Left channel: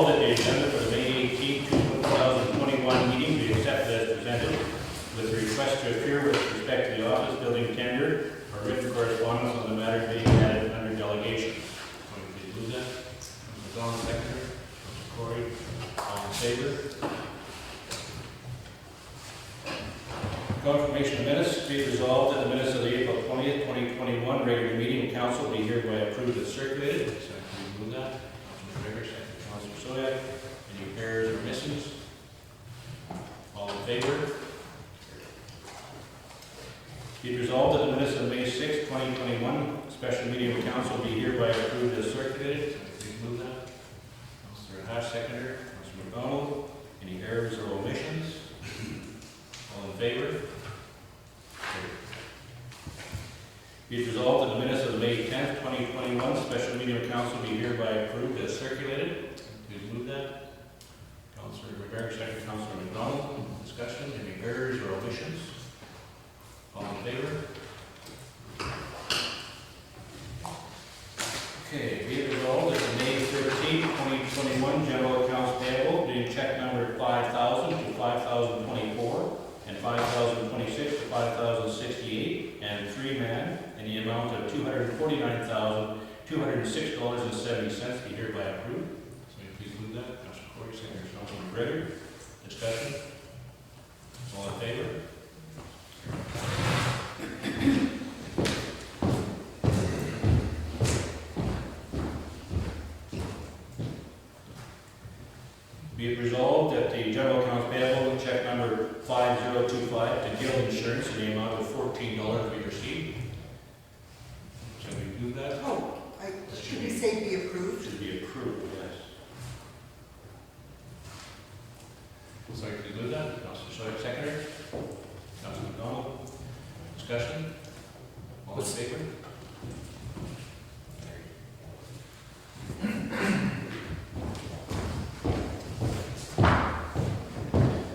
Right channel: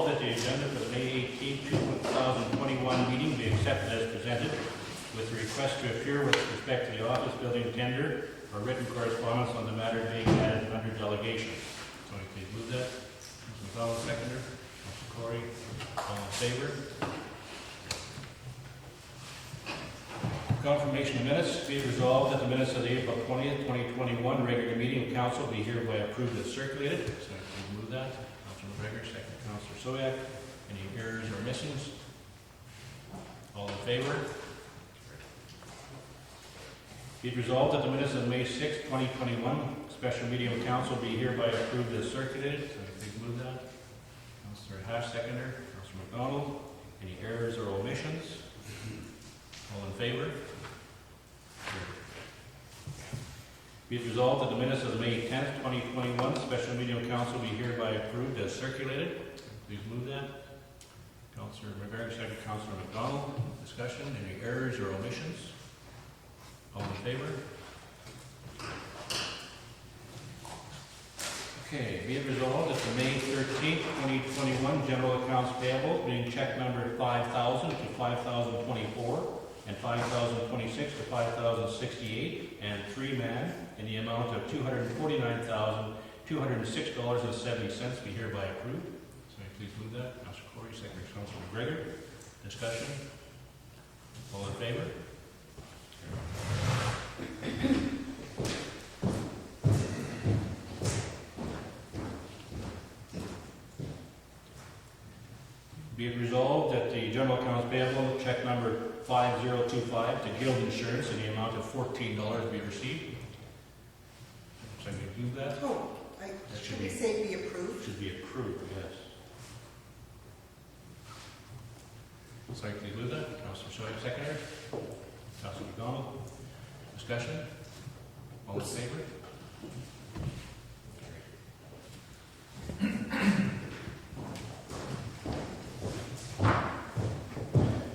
resolved that the agenda for the May 18, 2021 meeting be accepted as presented with the request to appear with respect to the office building tender or written correspondence on the matter being added under delegation. Somebody please move that. Mr. McDonald, seconder. Mr. Corey, all in favor? Confirmation of minutes. Be it resolved that the minutes of the April 20th, 2021 regular meeting of council be hereby approved and circulated. So please move that. Councilor McGregor, second. Councilor Soyak. Any errors or missings? All in favor? Be it resolved that the minutes of May 6th, 2021 special meeting of council be hereby approved as circulated. So please move that. Councilor Hash, seconder. Councilor McDonald. Any errors or omissions? All in favor? Be it resolved that the minutes of the May 10th, 2021 special meeting of council be hereby approved as circulated. Please move that. Councilor McGregor, second. Councilor McDonald. Discussion. Any errors or omissions? All in favor? Okay. Be it resolved that the May 13th, 2021 general accounts payable being check number 5,000 to 5,024 and 5,026 to 5,068 and 3-man in the amount of $249,206.70 be hereby approved. Somebody please move that. Councilor Corey, second. Councilor McGregor. Discussion. All in favor? Be it resolved that the general accounts payable check number 5025 to Guild Insurance in the amount of $14 be received. So we do that? Oh, should we say be approved? Should be approved, yes. So please do that. Councilor Soyak, seconder. Councilor McDonald. Discussion. All in favor?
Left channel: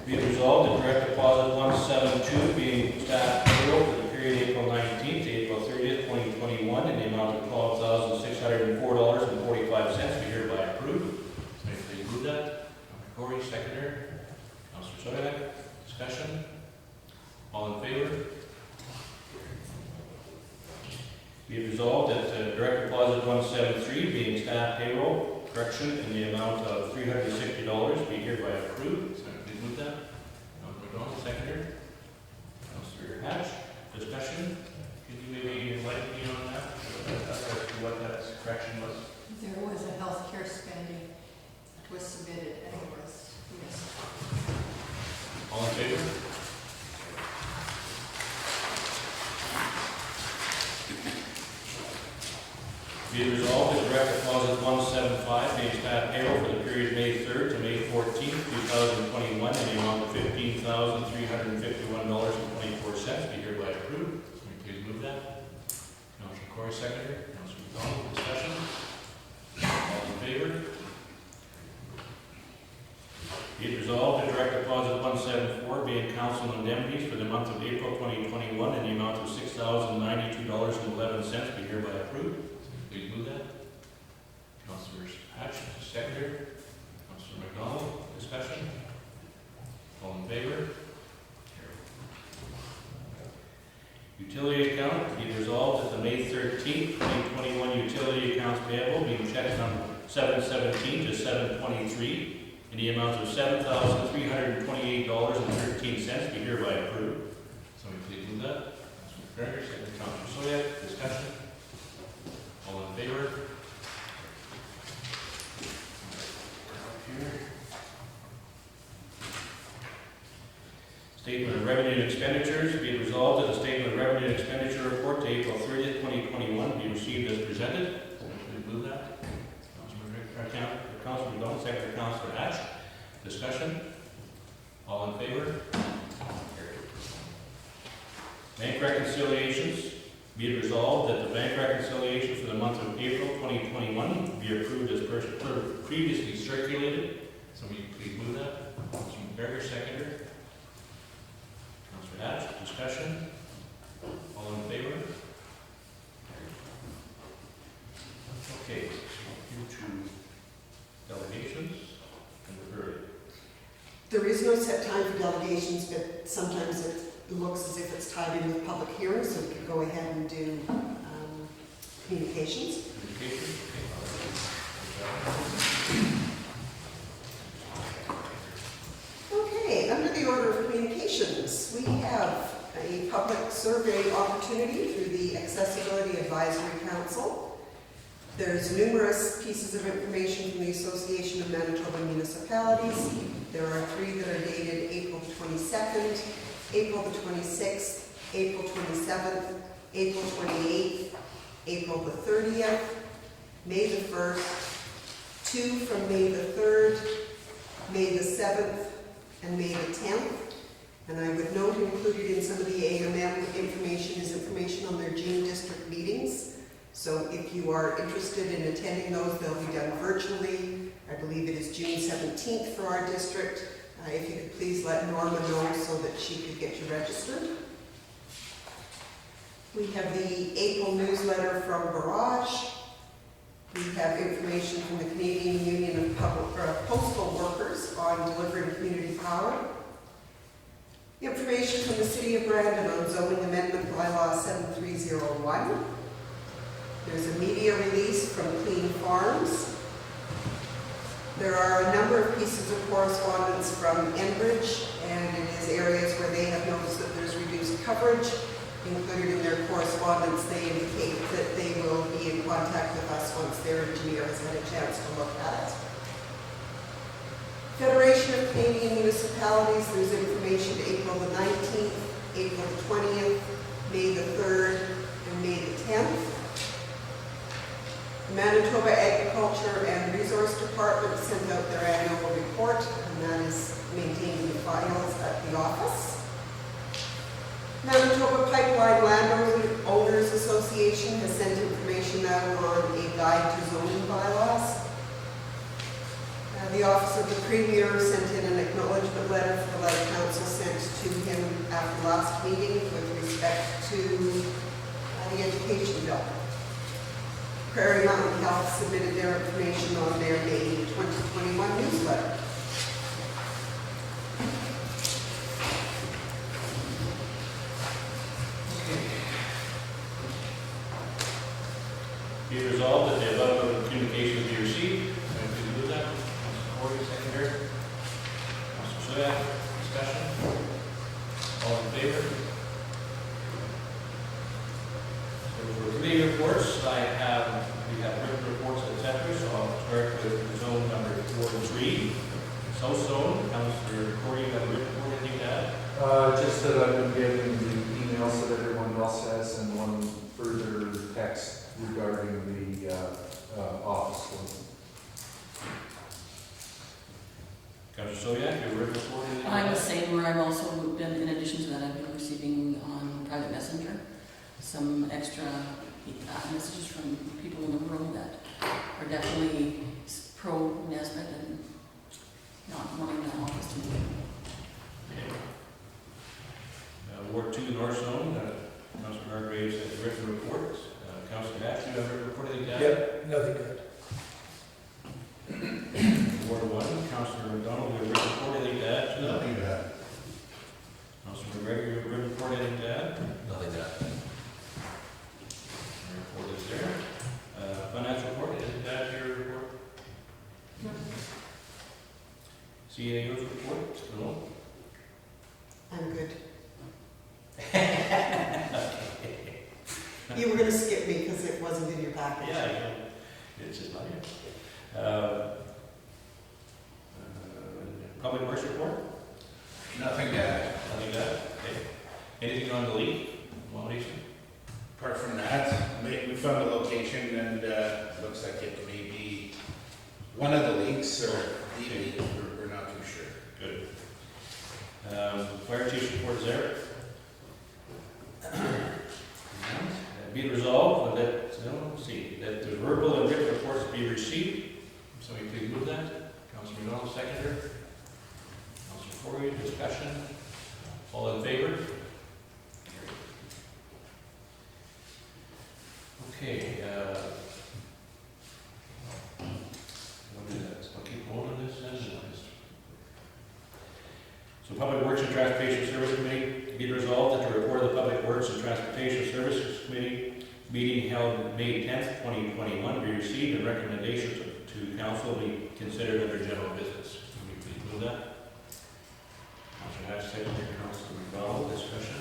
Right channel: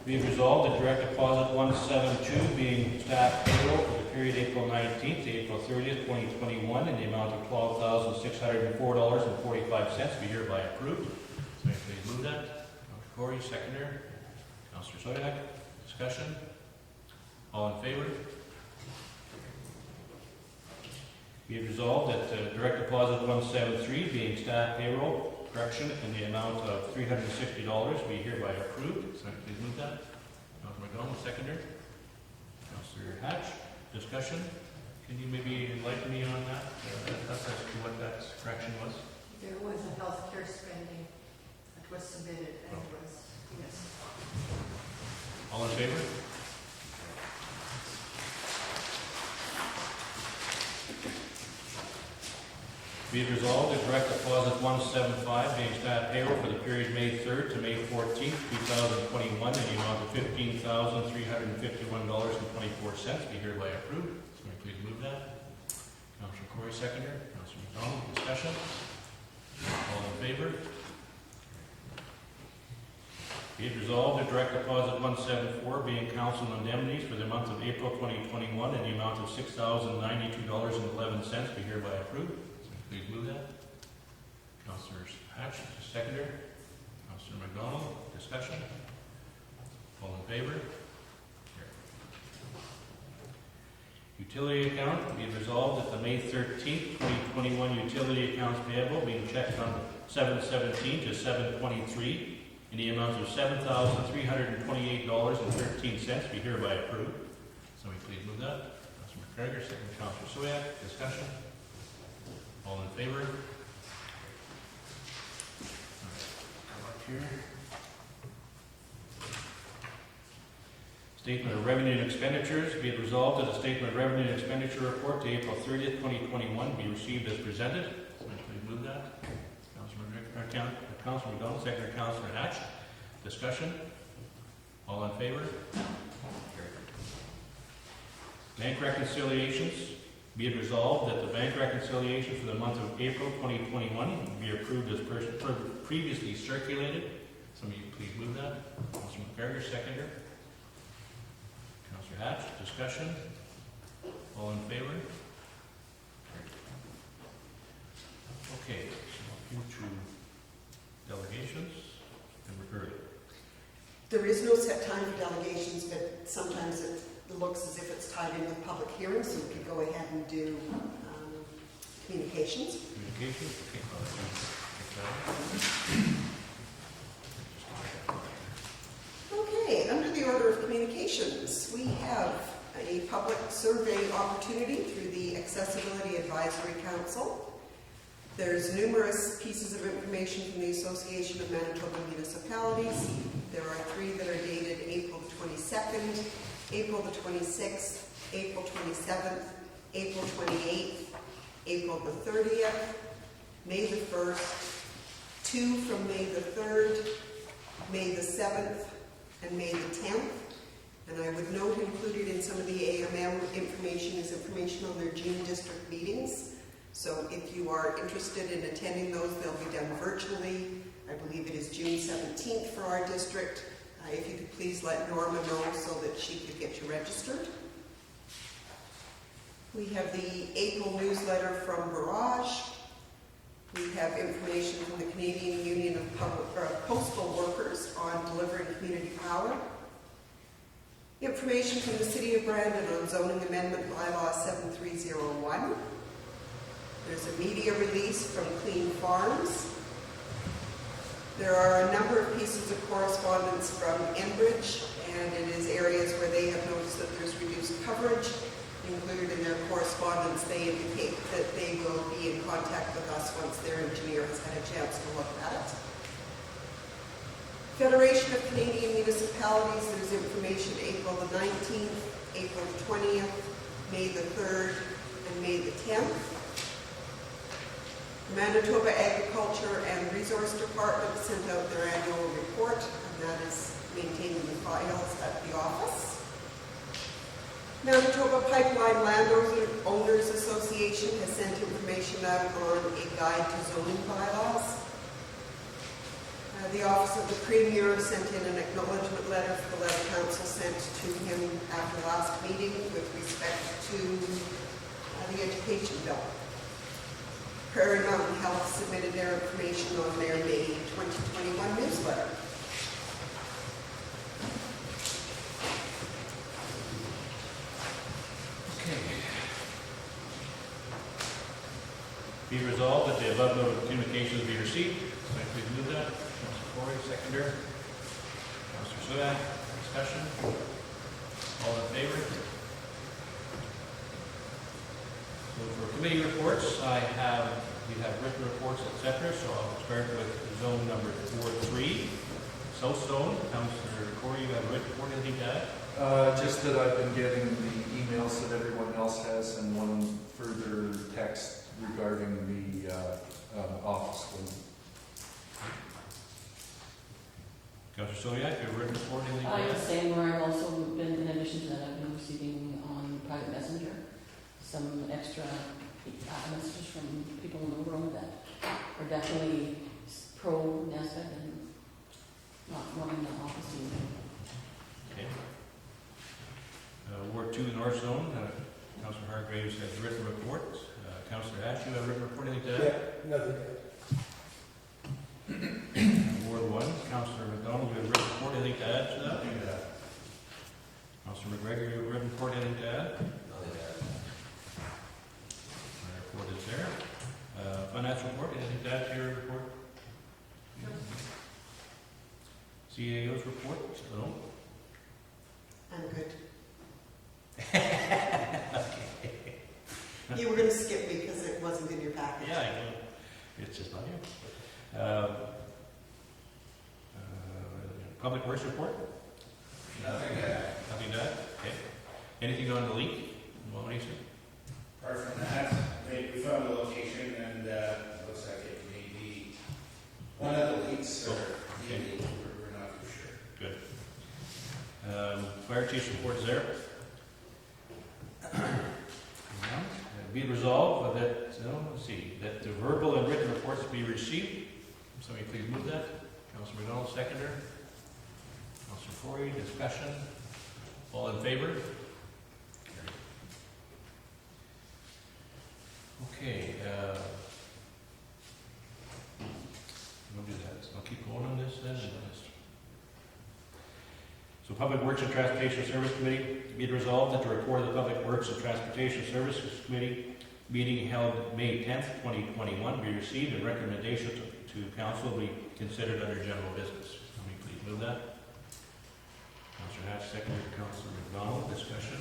Be it resolved that direct deposit 172 being staff payroll for the period April 19th to April 30th, 2021 in the amount of $12,604.45 be hereby approved. Somebody please move that. Councilor Corey, seconder. Councilor Soyak. Discussion. All in favor? Be it resolved that direct deposit 173 being staff payroll correction in the amount of $360 be hereby approved. So please move that. Councilor McDonald, seconder. Councilor Hatch. Discussion. Can you maybe enlighten me on that? As to what that correction was? There was a healthcare spending that was submitted and it was, yes. All in favor? Be it resolved that direct deposit 175 being staff payroll for the period May 3rd to May 14th, 2021 in the amount of $15,351.24 be hereby approved. Can you please move that? Councilor Corey, seconder. Councilor McDonald. Discussion. All in favor? Be it resolved that direct deposit 174 being council indemnities for the month of April 2021 in the amount of $6,092.11 be hereby approved. Please move that. Councilor Hatch, seconder. Councilor McDonald. Discussion. All in favor? Utility account. Be it resolved that the May 13th, 2021 utility accounts payable being check number 717 to 723 in the amount of $7,328.13 be hereby approved. Somebody please move that. Councilor McGregor, second. Councilor Soyak. Discussion. All in favor? Statement of revenue and expenditures. Be it resolved that the statement of revenue and expenditure report to April 30th, 2021 be received as presented. Somebody move that. Councilor McDonald, second. Councilor Hatch. Discussion. All in favor? Bank reconciliations. Be it resolved that the bank reconciliation for the month of April 2021 be approved as previously circulated. Somebody please move that. Councilor McGregor, seconder. Councilor Hatch. Discussion. All in favor? Okay, so into delegations. There is no set time for delegations, but sometimes it looks as if it's tied in with public hearings, so we could go ahead and do communications. Communication, okay, Okay, under the order of communications, we have a public survey opportunity through the Accessibility Advisory Council. There's numerous pieces of information from the Association of Manitoba Municipalities. There are 3 that are dated April the 22nd, April the 26th, April 27th, April 28th, April the 30th, May the 1st, 2 from May the 3rd, May the 7th, and May the 10th. And I would note included in some of the AMM information is information on their June district meetings. So if you are interested in attending those, they'll be done virtually. I believe it is June 17th for our district. If you could please let Norma know so that she could get you registered. We have the April newsletter from Barrage. We have information from the Canadian Union of Postal Workers on delivering community power. Information from the City of Brandon on zoning amendment bylaw 7301. There's a media release from Clean Farms. There are a number of pieces of correspondence from Enbridge, and it is areas where they have noticed that there's reduced coverage. Included in their correspondence, they indicate that they will be in contact with us once their engineer has had a chance to look at it. Federation of Canadian Municipalities, there's information April the 19th, April the 20th, May the 3rd, and May the 10th. The Manitoba Agriculture and Resource Department sent out their annual report, and that is maintained in the files at the office. Manitoba Pipeline Landowners Association has sent information out on a guide to zoning bylaws. The Office of the Premier sent in an acknowledgement letter for the letter council sent to him after last meeting with respect to the education bill. Prairie Mountain Health submitted their information on their May 2021 newsletter. Be resolved that the above noted communications be received. So please move that. Councilor Corey, seconder. Councilor Sweat, discussion. All in favor? So for committee reports, we have written reports, etc. So I'll start with zone number 4-3. South zone, Councilor Corey, you have a written report, anything to add? Just that I've been getting the emails that everyone else has and one further text regarding the office building. Councilor Soviak, you have a written report, anything to I'm add? the same, where I've also been, in addition to that, I've been receiving on private messenger some extra messages from people in the room that are definitely pro Nesbitt and not wanting that office to be. Okay. Ward 2 North Zone, Councilor Hargraves has written reports. Councilor Hatch, you have a written report, anything to add? Yep, nothing good. Ward 1, Councilor McDonald, you have a written report, anything to add to that? Nothing bad. Councilor McGregor, you have a written report, anything to add? Nothing bad. Your report is there. Financial report, anything to add to your report? CAO's report, no? I'm good. You were going to skip me because it wasn't in your package. Yeah, it's just not here. Public Works report? Nothing bad. Nothing bad? Okay. Anything on the leak? Abomination? Apart from that, we found a location and looks like it may be one of the leaks or the leak. We're not too sure. Good. Fire chief's report is there. Be it resolved that, that the verbal and written reports be received. Somebody please move that. Councilor McDonald, seconder. Councilor Corey, discussion. All in favor? Okay, we'll do that. So I'll keep going on this then. Transportation Service Committee, be it resolved that the report of the Public Works and Transportation Services Committee meeting held May 10th, 2021 be received and recommendations to council be considered under general business. Can we please move that? Councilor Hatch, seconded. Councilor McDonald, discussion.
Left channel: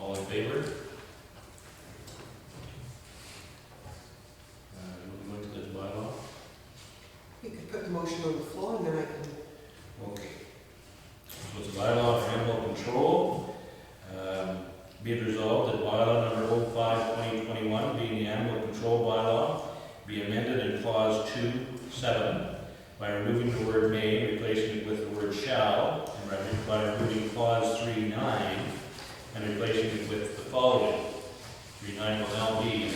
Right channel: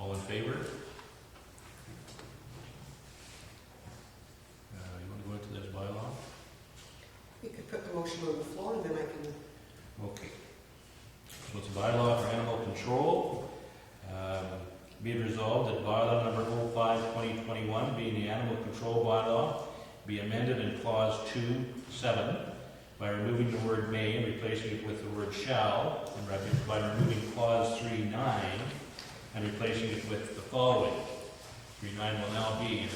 All in favor? You want to go into this bylaw? You could put the motion on the floor and then I can, Okay. So it's a bylaw for animal control. Be it resolved that bylaw number 05/2021, being the animal control bylaw, be amended in clause 2(7) by removing the word may and replacing it with the word shall, and by removing clause 3(9) and replacing it with the following. 3(9) will now be, an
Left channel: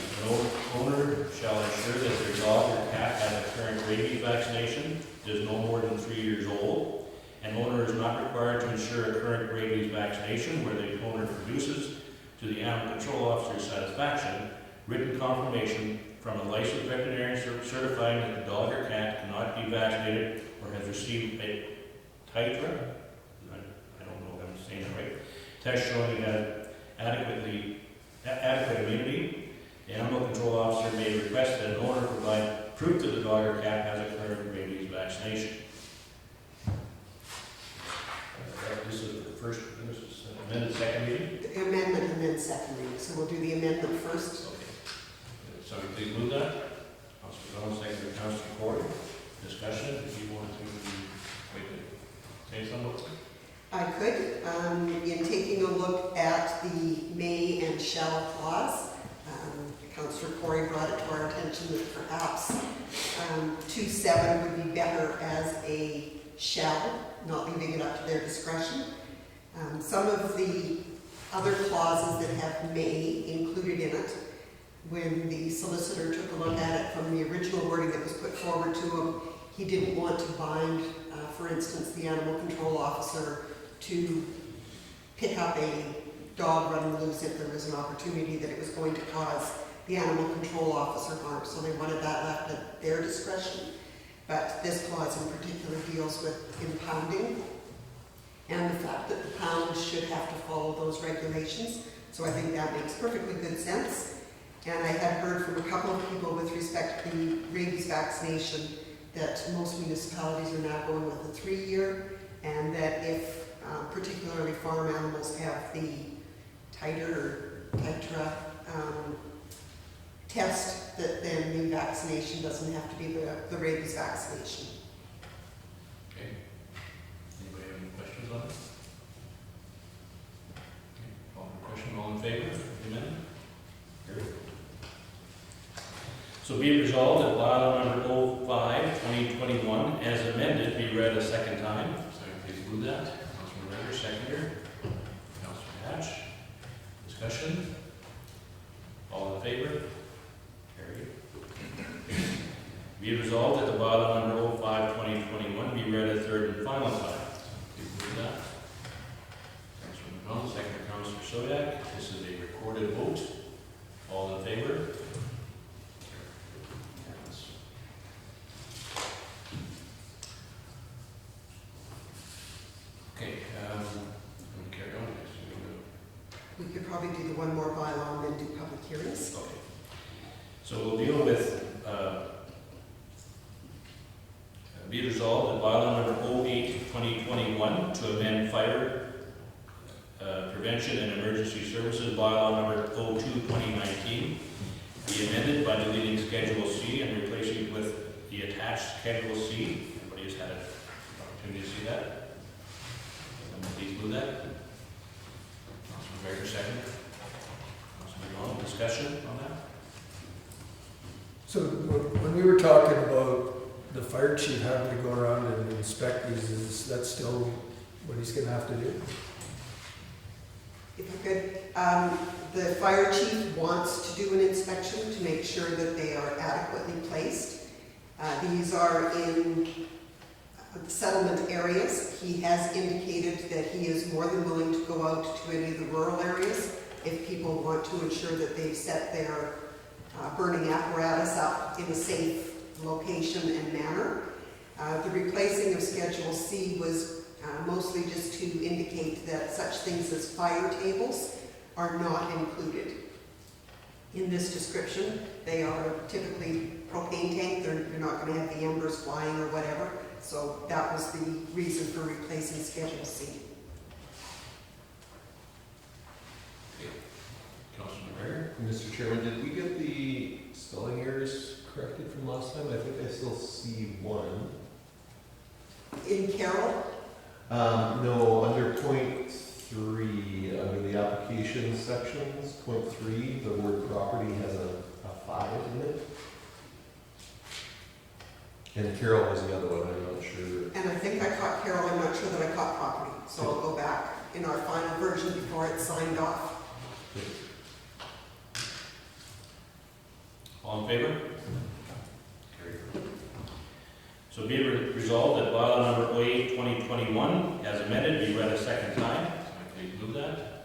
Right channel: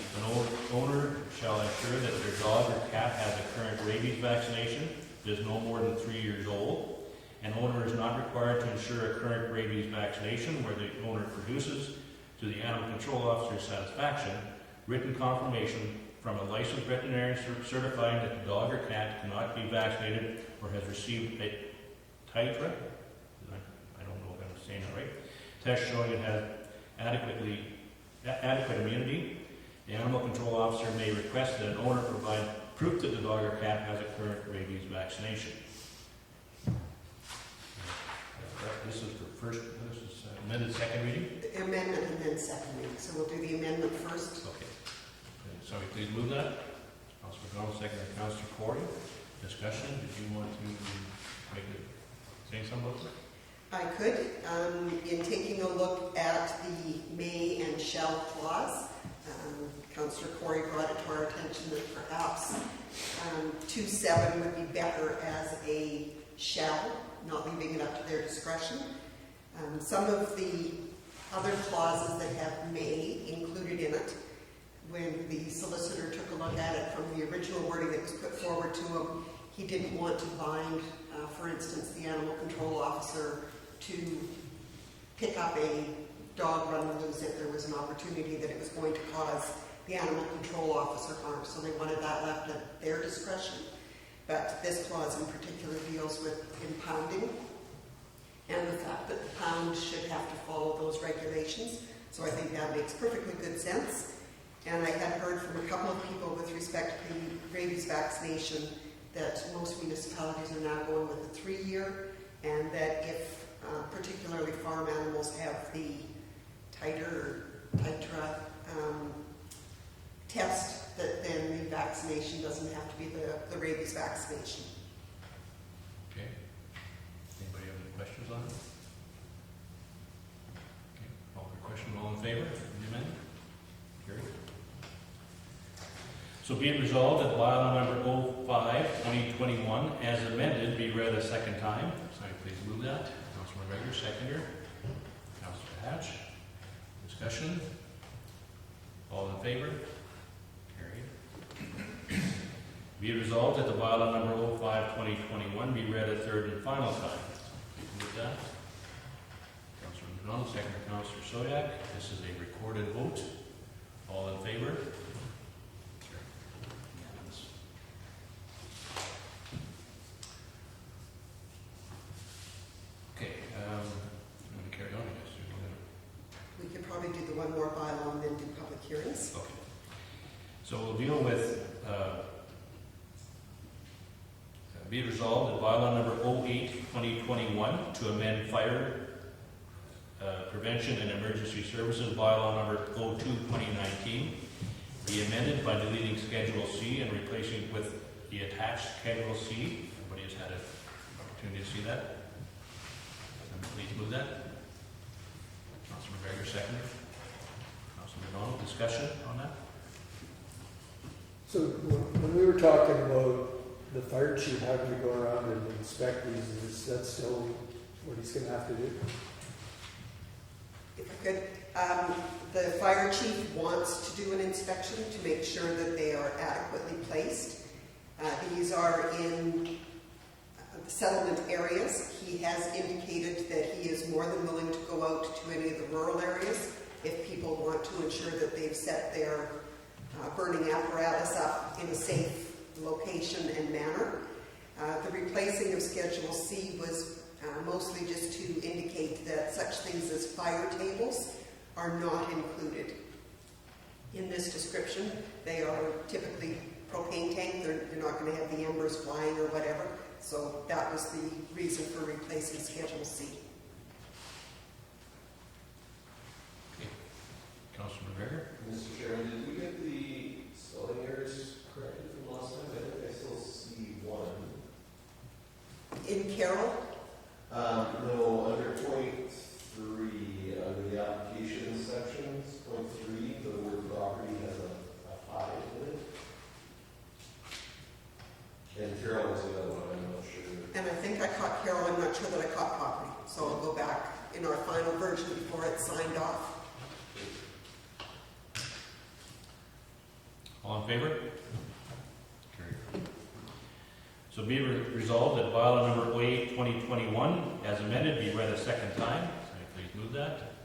owner shall ensure that their dog or cat has a current rabies vaccination, is no more than 3 years old. An owner is not required to ensure a current rabies vaccination where the owner produces, to the animal control officer's satisfaction, written confirmation from a licensed veterinarian certifying that the dog or cat cannot be vaccinated or has received a titra, I don't know if I'm saying that right, test showing it has adequate immunity. The animal control officer may request that an owner provide proof that the dog or cat has a current rabies vaccination. This is the first, this is amended second reading? the amendment and then second reading. So we'll do the amendment first. Okay. Sorry, please move that. Councilor Donald, second by Councilor Corey. Discussion, if you want to maybe say something. I could, in taking a look at the may and shall clause, Councillor Corey brought it to our attention that perhaps 2(7) would be better as a shall, not leaving it up to their discretion. Some of the other clauses that have may included in it, when the solicitor took a look at it from the original wording that was put forward to him, he didn't want to bind, for instance, the animal control officer to pick up a dog running loose if there was an opportunity that it was going to cause the animal control officer harm. So they wanted that left at their discretion. But this clause in particular deals with impounding and the fact that the pound should have to follow those regulations. So I think that makes perfectly good sense. And I had heard from a couple of people with respect to the rabies vaccination that most municipalities are now going with a 3-year, and that if particularly farm animals have the titer test, that then the vaccination doesn't have to be the rabies vaccination. Okay. Anybody have any questions on it? Okay. Call for question. All in favor of the amendment? Carried. So be it resolved that bylaw number 05/2021 as amended be read a second time. Second, please move that. Councilman Rager, seconder. Councilor Hatch. Discussion. All in favor? Carried. Be it resolved that the bylaw number 05/2021 be read a third and final time. Please move that. Councilor McDonald, seconder. Councilor Soyak. This is a recorded vote. All in favor? Okay, I'm going to carry on, I guess. We could probably do the one more bylaw and then do public hearings. Okay. So we'll deal with, be it resolved that bylaw number 08/2021 to amend fire prevention and emergency services bylaw number 02/2019 be amended by deleting Schedule C and replacing it with the attached Schedule C. Everybody has had an opportunity to see that? Please move that. Councilman Gregor, second. Councilman McDonald, discussion on that? So when you were talking about the fire chief having to go around and inspect these, is that still what he's gonna have to do? If I could, the fire chief wants to do an inspection to make sure that they are adequately placed. These are in settlement areas. He has indicated that he is more than willing to go out to any of the rural areas if people want to ensure that they've set their burning apparatus up in a safe location and manner. The replacing of Schedule C was mostly just to indicate that such things as fire tables are not included in this description. They are typically propane tank, they're not gonna have the embers flying or whatever, so that was the reason for replacing Schedule C. Councilor McGregor? Mr. Chairman, did we get the spelling errors corrected from last time? I think I still see one. In Carroll, No, under point 3, under the application sections, point 3, the word property has a 5 in it. And Carol was the other one, I'm not sure. and I think I caught Carroll, I'm not sure that I caught property, so I'll go back in our final version before it's signed off. All in favor? Carried. So be it resolved that bylaw number 08/2021, as amended, be read a second time. Somebody please move that.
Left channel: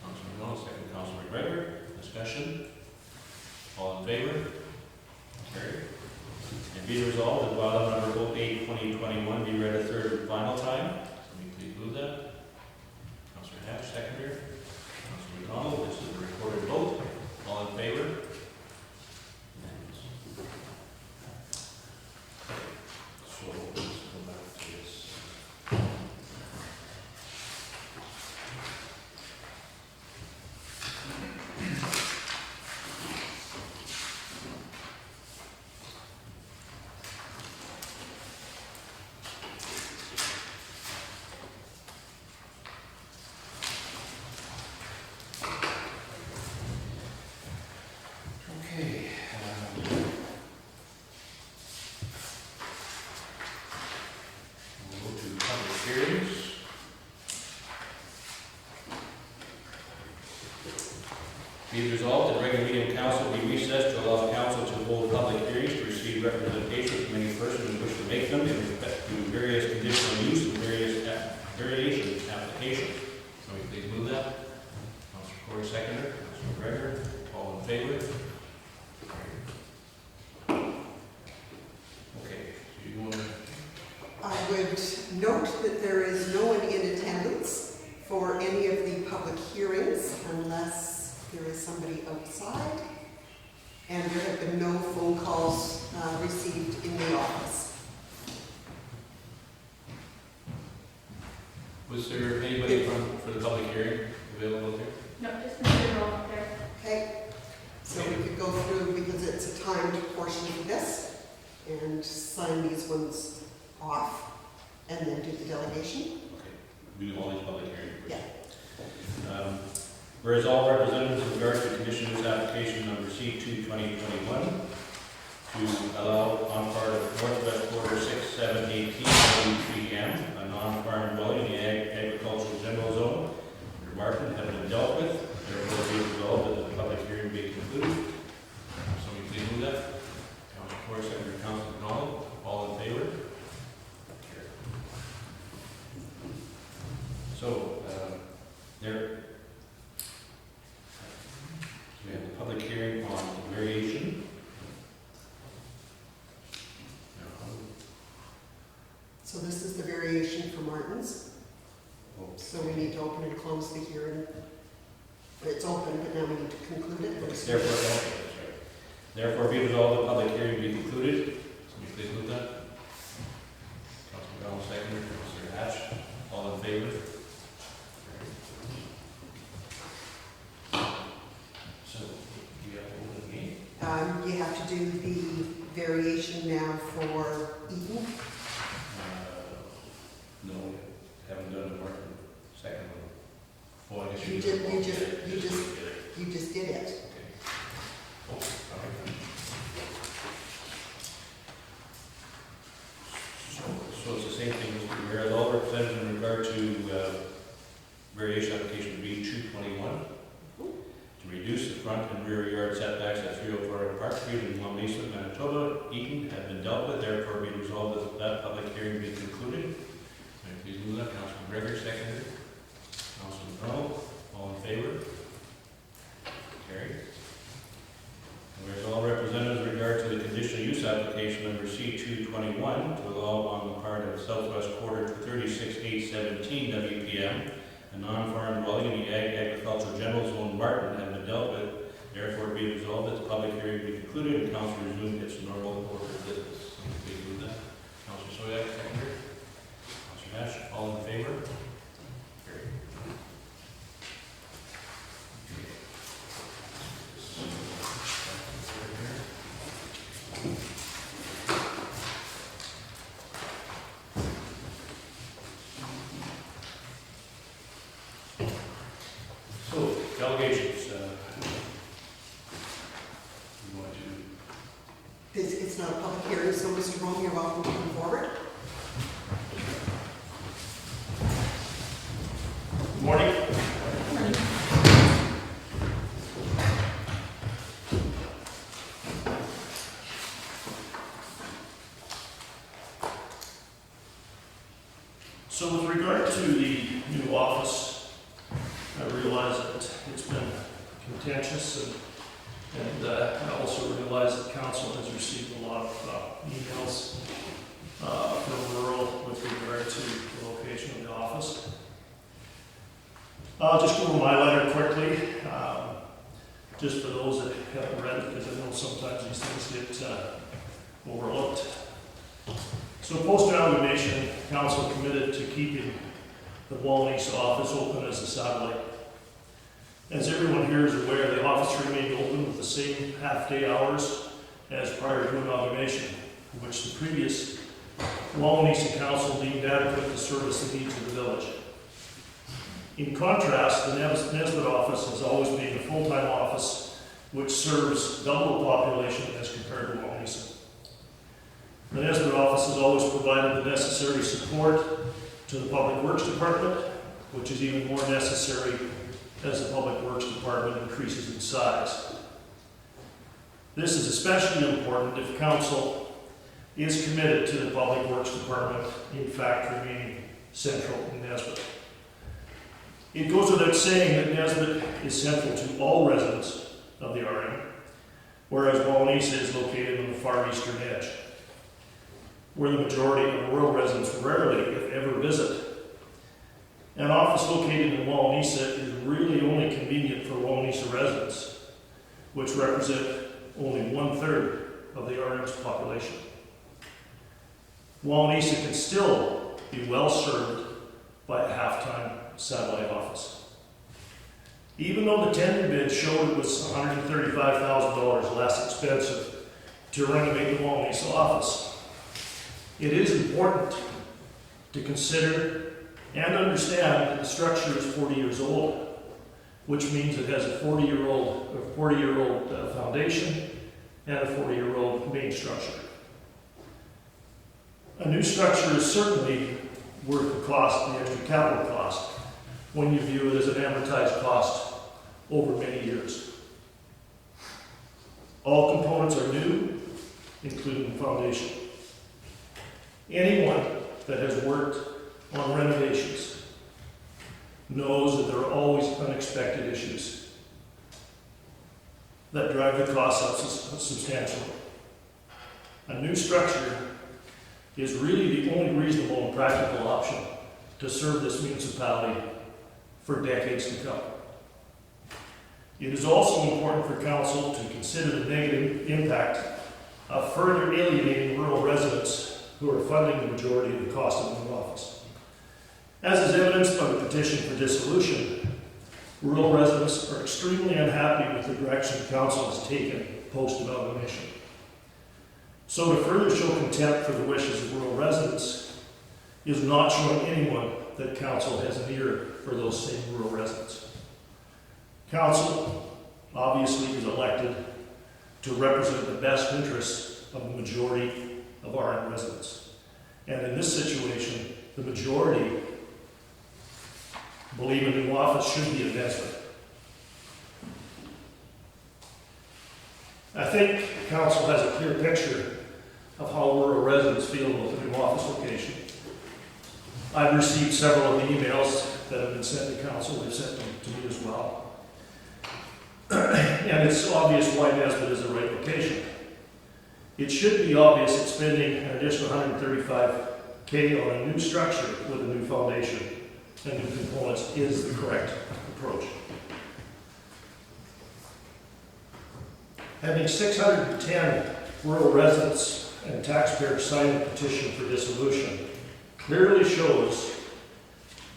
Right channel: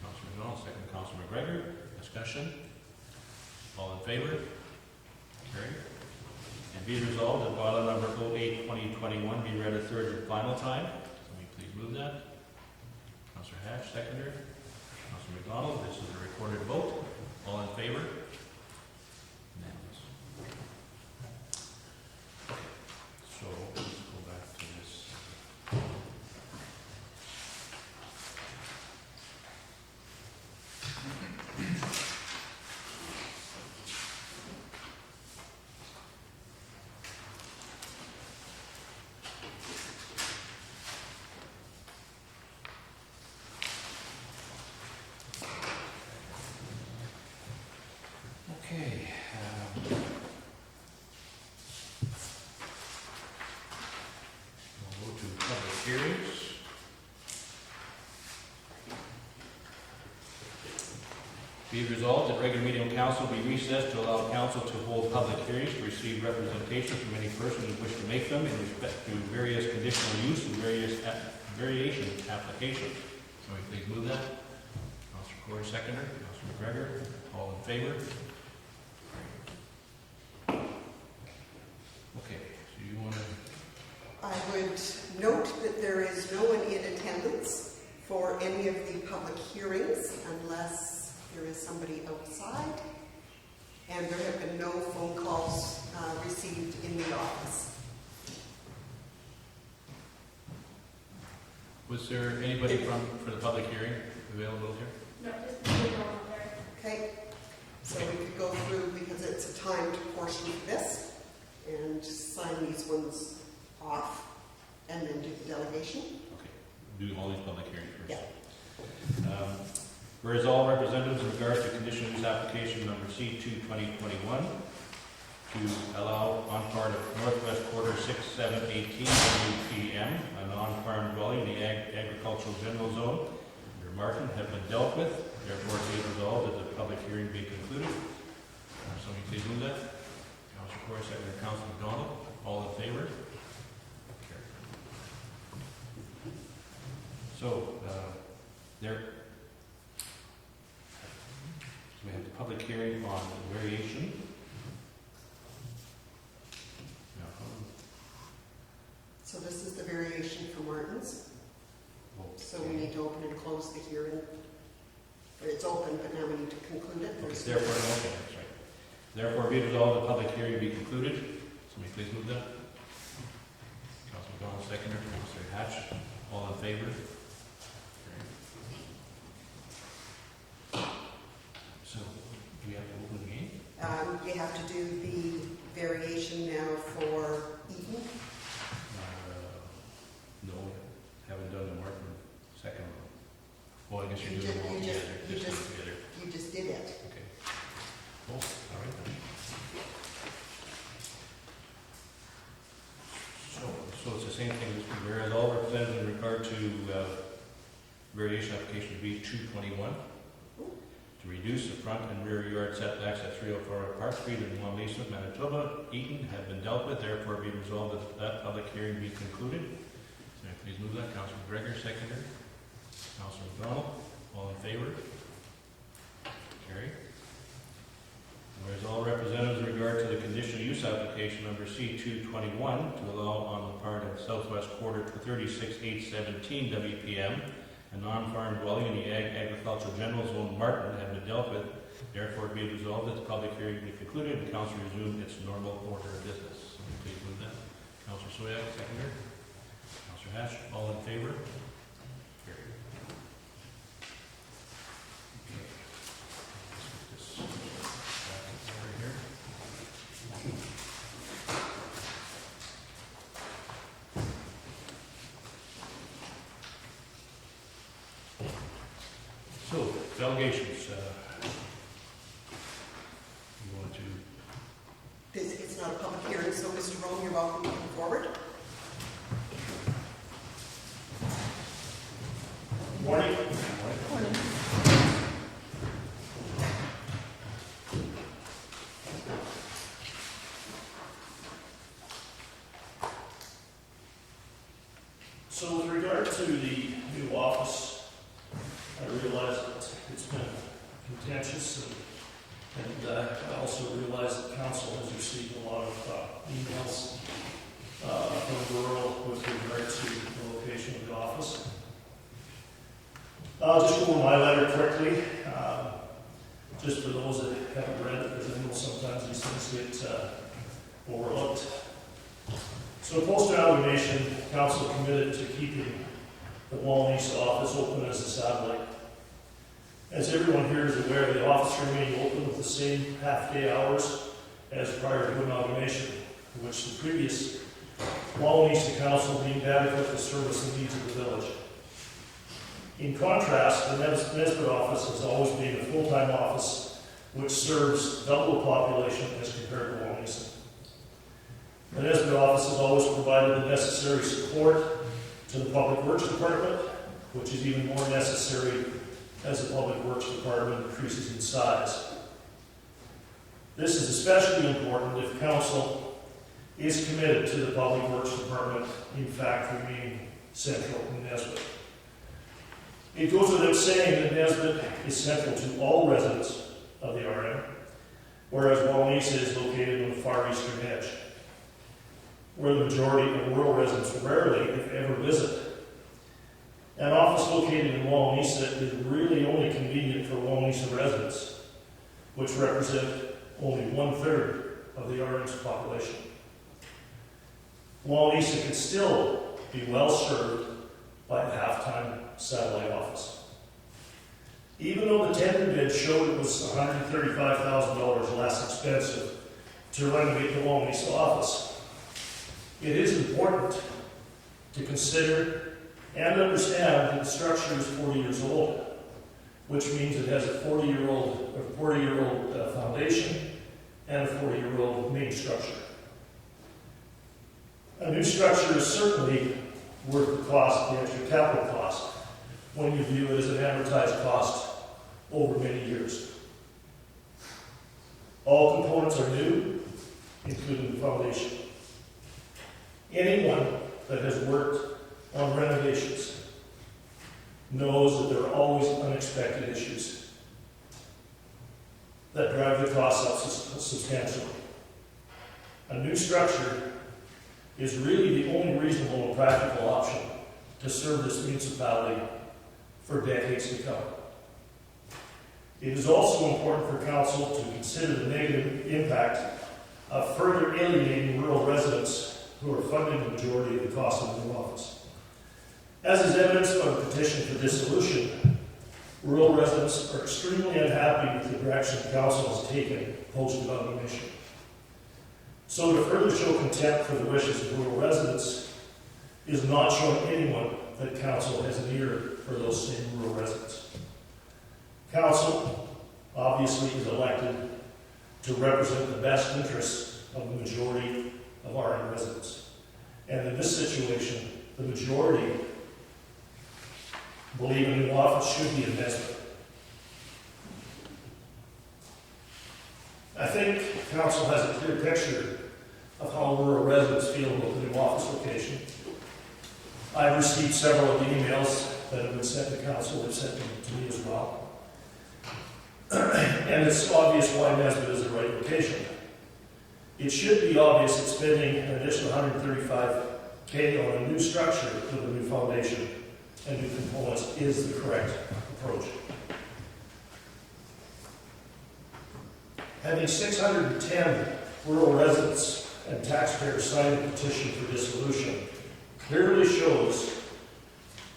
Councilor McDonald, second Councilor McGregor. Discussion? All in favor? Carried. And be resolved that bylaw number 08/2021 be read a third and final time. Somebody please move that. Councilor Hatch, seconder. Councilor McDonald, this is a recorded vote. All in favor? Unanimous. So let's go back to this. Okay. We'll go to public hearings. Be it resolved that regular meeting of council be recessed to allow council to hold public hearings to receive representation from any person who wishes to make them in respect to various conditional use and variation applications. Somebody please move that. Councilor Corey, seconder. Councilor McGregor, all in favor? Okay, do you want to? I would note that there is no one in attendance for any of the public hearings unless there is somebody outside, and there have been no phone calls received in the office. Was there anybody for the public hearing available here? No, just Mr. Roll up there. Okay, so we could go through, because it's a timed portion of this, and sign these ones off, and then do the delegation. Okay, do all these public hearings first. Yeah. Whereas all representatives in regard to conditional use application number C2/2021 to allow on part of northwest quarter 6718 M, a non-farm dwelling in the agricultural general zone, where Martin had been dealt with, therefore be resolved that the public hearing be concluded. Somebody please move that. Councilor Corey, second Councilor McDonald, all in favor? So, we have a public hearing on variation. So this is the variation for Martin's. So we need to open and close the hearing. It's open, but now we need to conclude it. Okay, therefore, okay, that's right. Therefore, be resolved, the public hearing be concluded. Somebody please move that. Councilor McDonald, seconder. Councilor Hatch, all in favor? So, do we have to open the meeting? You have to do the variation now for Eaton. No, haven't done the Martin second one. Well, I guess You you did- did. you just- Yeah, you just- did it. You just did it. Okay. Oh, all right. So it's the same thing, whereas all representatives in regard to variation application B2/21 to reduce the front and rear yard setbacks at 304 Park Street in Long Mesa, Manitoba, Eaton, have been dealt with, therefore be resolved that that public hearing be concluded. May I please move that. Councilor McGregor, seconder. Councilor McDonald, all in favor? Carried. And whereas all representatives in regard to the conditional use application number C2/21 1 to allow on the part of Southwest Quarter 36817 WPM, a non-farm dwelling in the agricultural general zone Martin have been dealt with. Therefore, be resolved that the public hearing be concluded and council resume its normal order of business. Please move that. Councilor Soyak, seconder. Councilor Nash, all in favor? Carried. So, delegations, you want to, It's not a public hearing, so Mr. Rome, you're welcome to come forward. good morning. Morning. So with regard to the new office, I realize that it's been contentious and I also realize that council has received a lot of emails from rural with regard to the location of the office. I'll just go over my letter quickly, just for those that haven't read it, because I know sometimes these things get overlooked. So post-amalgamation, council committed to keeping the Wawanesa office open as a satellite. As everyone here is aware, the office remained open with the same half-day hours as prior to amalgamation, which the previous Wawanesa council deemed adequate to service the needs of the village. In contrast, the Nesbitt office has always been a full-time office which serves double the population as compared to Wawanesa. The Nesbitt office has always provided the necessary support to the Public Works Department, which is even more necessary as the Public Works Department increases in size. This is especially important if council is committed to the Public Works Department, in fact, remaining central in Nesbitt. It goes without saying that Nesbitt is central to all residents of the RM, whereas Wawanesa is located on the far eastern edge, where the majority of rural residents rarely, if ever, visit. An office located in Wawanesa is really only convenient for Wawanesa residents, which represent only 1/3 of the RM's population. Wawanesa could still be well served by a half-time satellite office. Even though the tender bid showed it was $135,000 less expensive to renovate the Wawanesa office, it is important to consider and understand that the structure is 40 years old, which means it has a 40-year-old foundation and a 40-year-old main structure. A new structure is certainly worth the cost, the extra capital cost, when you view it as an amortized cost over many years. All components are new, including the foundation. Anyone that has worked on renovations knows that there are always unexpected issues that drive the costs up substantially. A new structure is really the only reasonable and practical option to serve this municipality for decades to come. It is also important for council to consider the negative impact of further alienating rural residents who are funding the majority of the cost of the new office. As is evidenced by the petition for dissolution, rural residents are extremely unhappy with the direction the council has taken post-amalgamation. So to further show contempt for the wishes of rural residents is not showing anyone that council has an ear for those same rural residents. Council obviously is elected to represent the best interests of the majority of our residents. And in this situation, the majority believe a new office should be in Nesbitt. I think council has a clear picture of how rural residents feel about the new office location. I've received several of the emails that have been sent to council. They've sent them to me as well. And it's obvious why Nesbitt is the right location. it should be obvious that spending an additional $135K on a new structure with a new foundation and new components is the correct approach. Having 610 rural residents and taxpayers sign a petition for dissolution clearly shows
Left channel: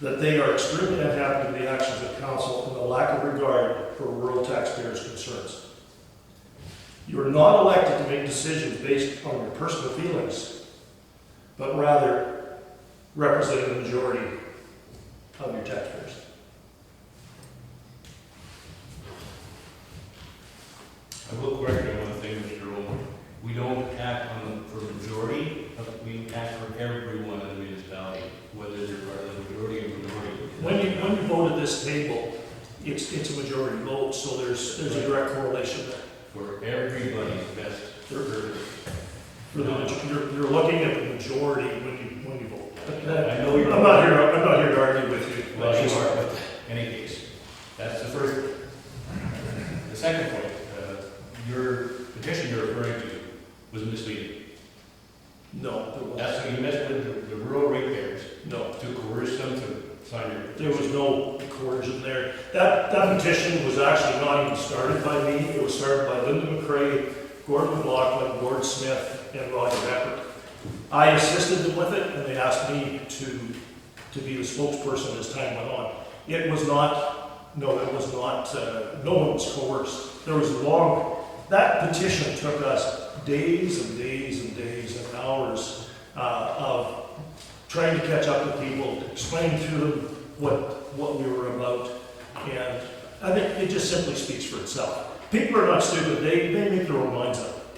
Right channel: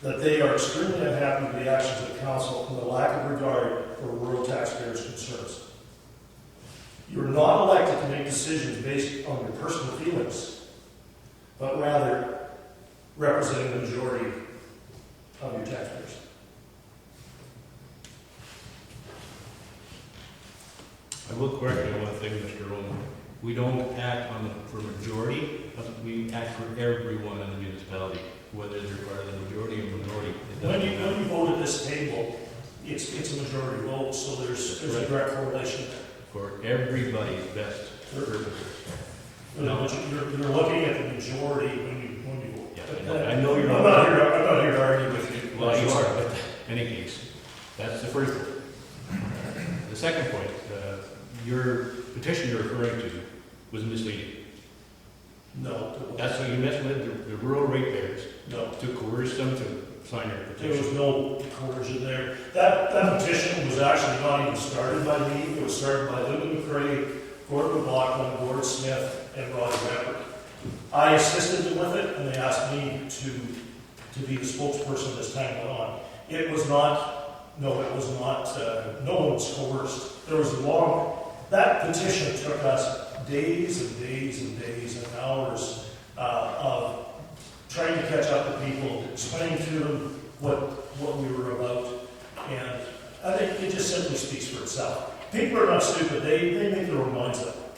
that they are extremely unhappy with the actions of council and the lack of regard for rural taxpayers' concerns. You are not elected to make decisions based on your personal feelings, but rather representing the majority of your taxpayers. I will correct you on one thing, Mr. Rowan. We don't act for majority, but we act for everyone in the municipality, whether they're part of the majority or minority. When you vote at this table, it's a majority vote, so there's a direct correlation there. For everybody's best purpose. You're looking at the majority when you vote. I know you're. I'm not here to argue with you. Well, you are, but in any case, that's the first point. The second point, your petition you're referring to was misleading. No, it wasn't. That's what you messed with the rural ratepayers No, to coerce them to sign your petition. there was no coercion there. That petition was actually not even started by me. It was started by Linda McCrae, Gordon McLaughlin, Gordon Smith, and Roger Beckert. I assisted them with it, and they asked me to be the spokesperson as time went on. It was not, no, it was not, no one was coerced. There was that petition took us days and days and days and hours of trying to catch up with people, to explain to them what we were about, and I think it just simply speaks for itself. People are not stupid, they make their own minds up.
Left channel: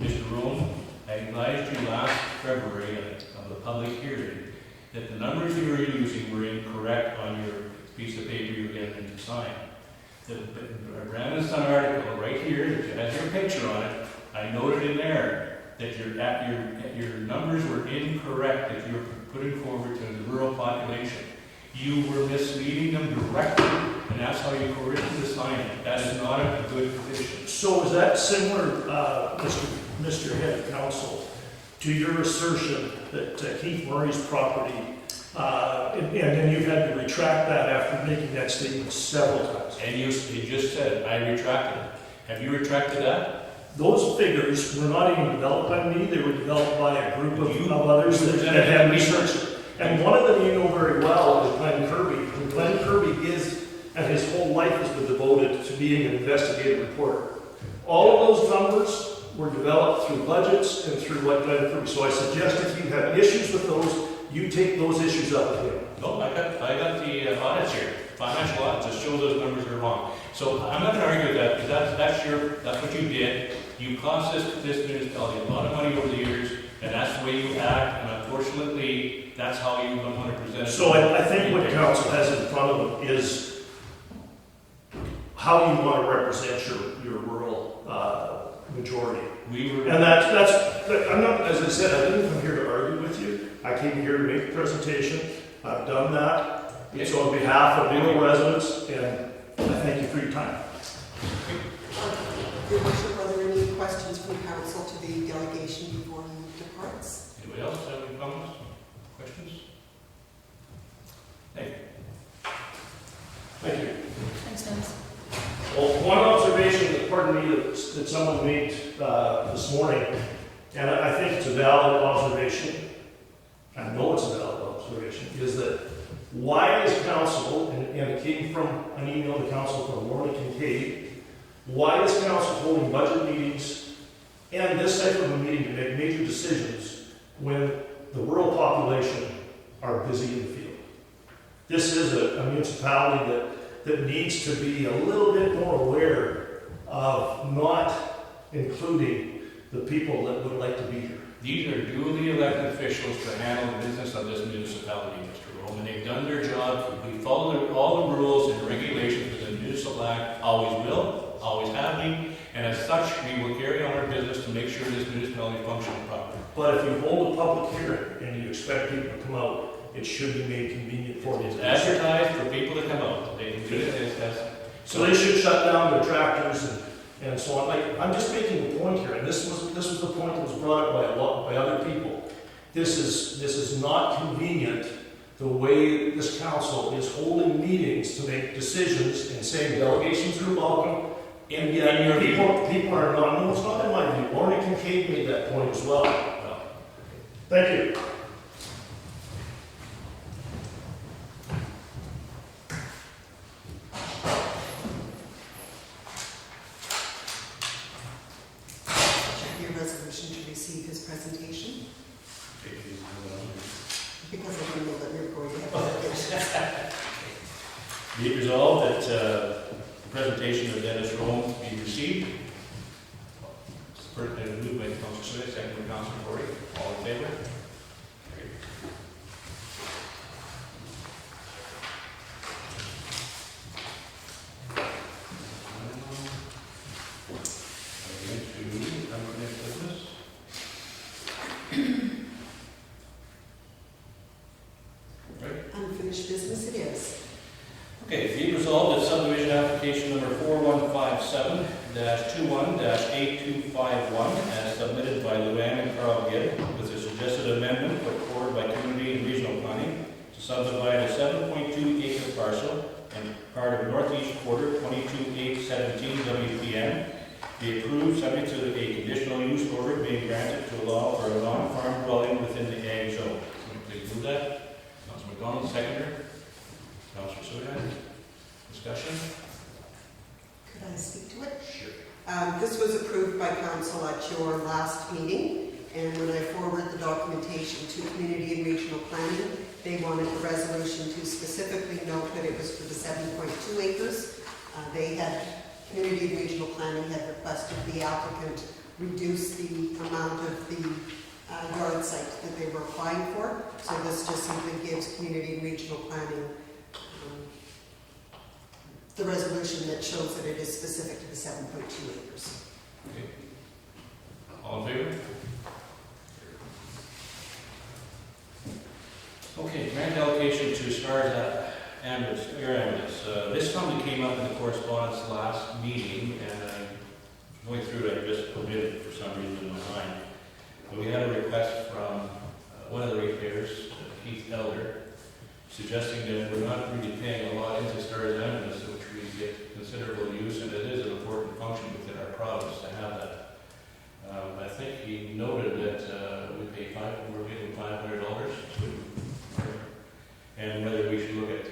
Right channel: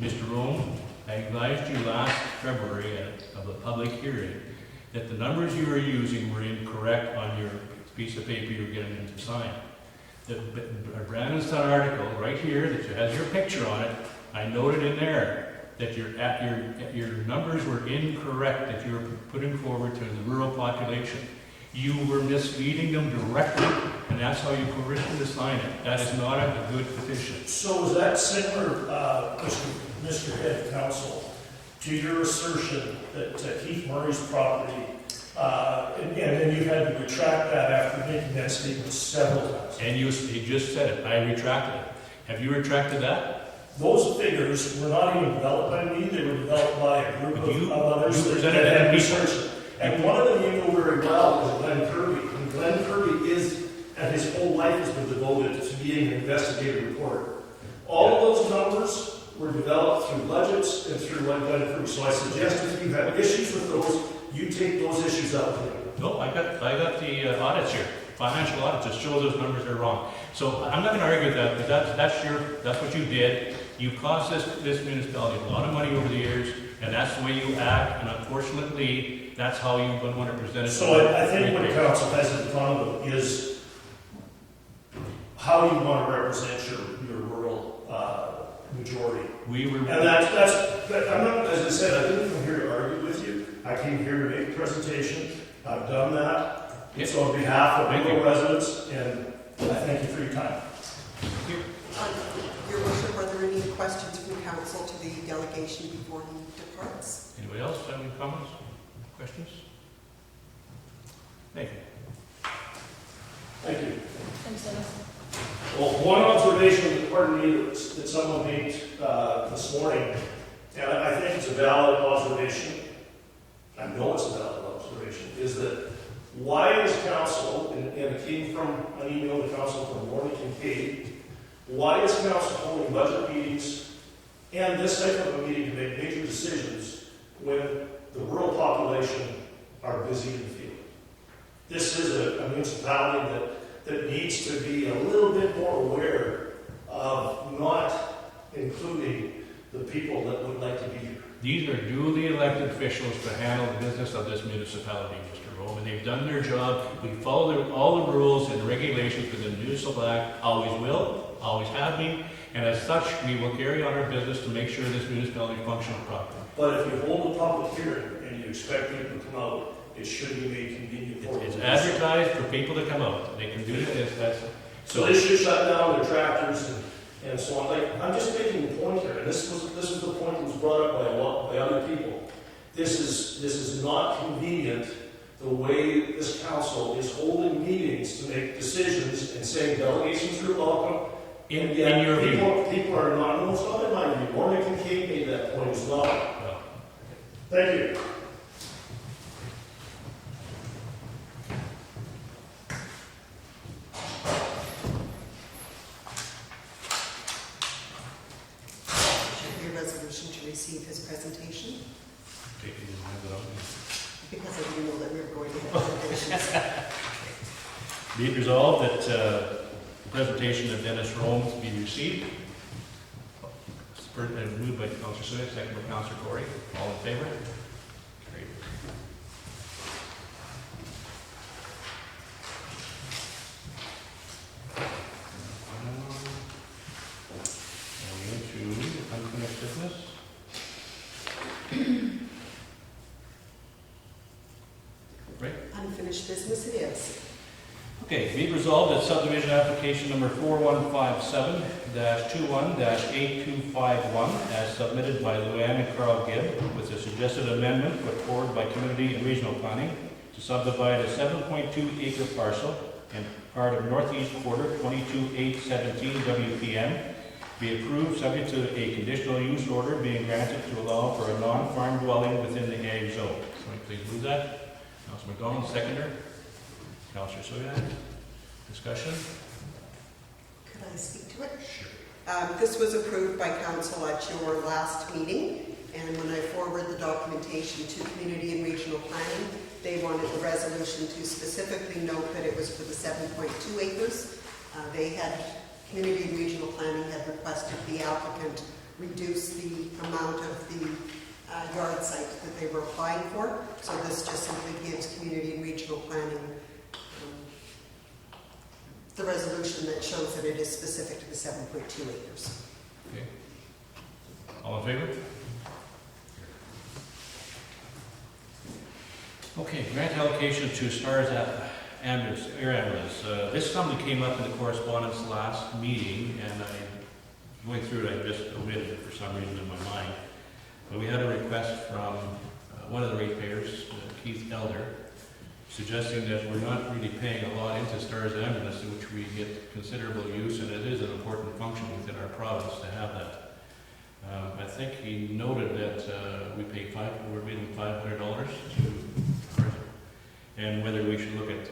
Mr. Rome, I advised you last February of a public hearing that the numbers you were using were incorrect on your piece of paper you were getting them to sign. The Brandon Sun article right here that has your picture on it, I noted in there that your numbers were incorrect that you were putting forward to the rural population. You were misleading them directly, and that's how you coerced them to sign it. That is not a good petition. So is that similar, Mr. Head of Council, to your assertion that Keith Murray's property, and then you had to retract that after making that statement several times? And you just said it, I retracted it. Have you retracted that? Those figures were not even developed by me, they were developed by a group of others that presented had it. researched. And one of them you know very well is Glenn Kirby. And Glenn Kirby and his whole life has been devoted to being an investigative reporter. All of those numbers were developed through budgets and through what Glenn Kirby. So I suggest if you have issues with those, you take those issues up with him. No, I got the audits here. Financial audits that show those numbers are wrong. So I'm not gonna argue with that, because that's what you did. You cost this municipality a lot of money over the years, and that's the way you act, and unfortunately, that's how you're gonna wanna present it. So I think what council has in front of them is how you want to represent your rural majority. And I'm not, as I said, I didn't come here to argue with you. I came here to make a presentation. I've done that. It's on behalf of rural residents, and I thank you for your time. Your worship, are there any questions from council to the delegation before he departs? Anybody else have any comments, questions? Nathan? Thank you. Thanks, Dennis. Well, one observation that, pardon me, that someone made this morning, and I think it's a valid observation, I know it's a valid observation, is that why is council, and it came from an email to council from Lorna Kincaid, why is council holding budget meetings and this type of a meeting to make major decisions when the rural population are busy in the field? This is a municipality that needs to be a little bit more aware of not including the people that would like to be here. These are duly elected officials to handle the business of this municipality, Mr. Rome, and they've done their job. We follow all the rules and regulations for the municipal act, always will, always have been, and as such, we will carry on our business to make sure this municipality functions properly. But if you hold a public hearing and you expect people to come out, it should be made convenient for you. It's advertised for people to come out. They can do it. So they should shut down their tractors And so I'm just making a point here, and this was the point that was brought up by other people. This is not convenient, the way this council is holding meetings to make decisions and saying delegations are welcome. And yet people are not, no, it's not in my view. Lorna Kincaid made that point as well. Thank you. Should be a resolution to receive his presentation, because I didn't know that we were going to have presentations. Be it resolved that the presentation of Dennis Rome be received. Moved by Councilor Smith, second by Councilor Gordy. All in favor? Carried. Into unfinished business. Unfinished business it is. Okay, be it resolved that subdivision application number 4157-21-8251, as submitted by Luann and Carl Gibb, with a suggested amendment put forward by Community and Regional Planning to subdivide a 7.2 acre parcel and part of northeast quarter 22817 WPN, be approved subject to a conditional use order being granted to allow for a non-farm dwelling within the ag zone. Somebody please move that. Councilor McDonald, seconder. Councilor Soyan, discussion? Could I speak to it? Sure. This was approved by council at your last meeting, and when I forwarded the documentation to Community and Regional Planning, they wanted the resolution to specifically note that it was for the 7.2 acres. Community and Regional Planning had requested the applicant reduce the amount of the yard site that they were applying for, so this just simply gives Community and Regional Planning the resolution that shows that it is specific to the 7.2 acres. Okay. All in favor? Okay, grant allocation to Stars Ambulance, Air Ambulance. This something came up in the correspondence last meeting, and I'm going through it, I just omitted for some reason in my mind. But we had a request from one of the ratepayers, Keith Elder, suggesting that we're not really paying a lot into Stars Ambulance, in which we get considerable use, and it is an important function within our province to have that. I think he noted that we're paying $500 and whether we should look at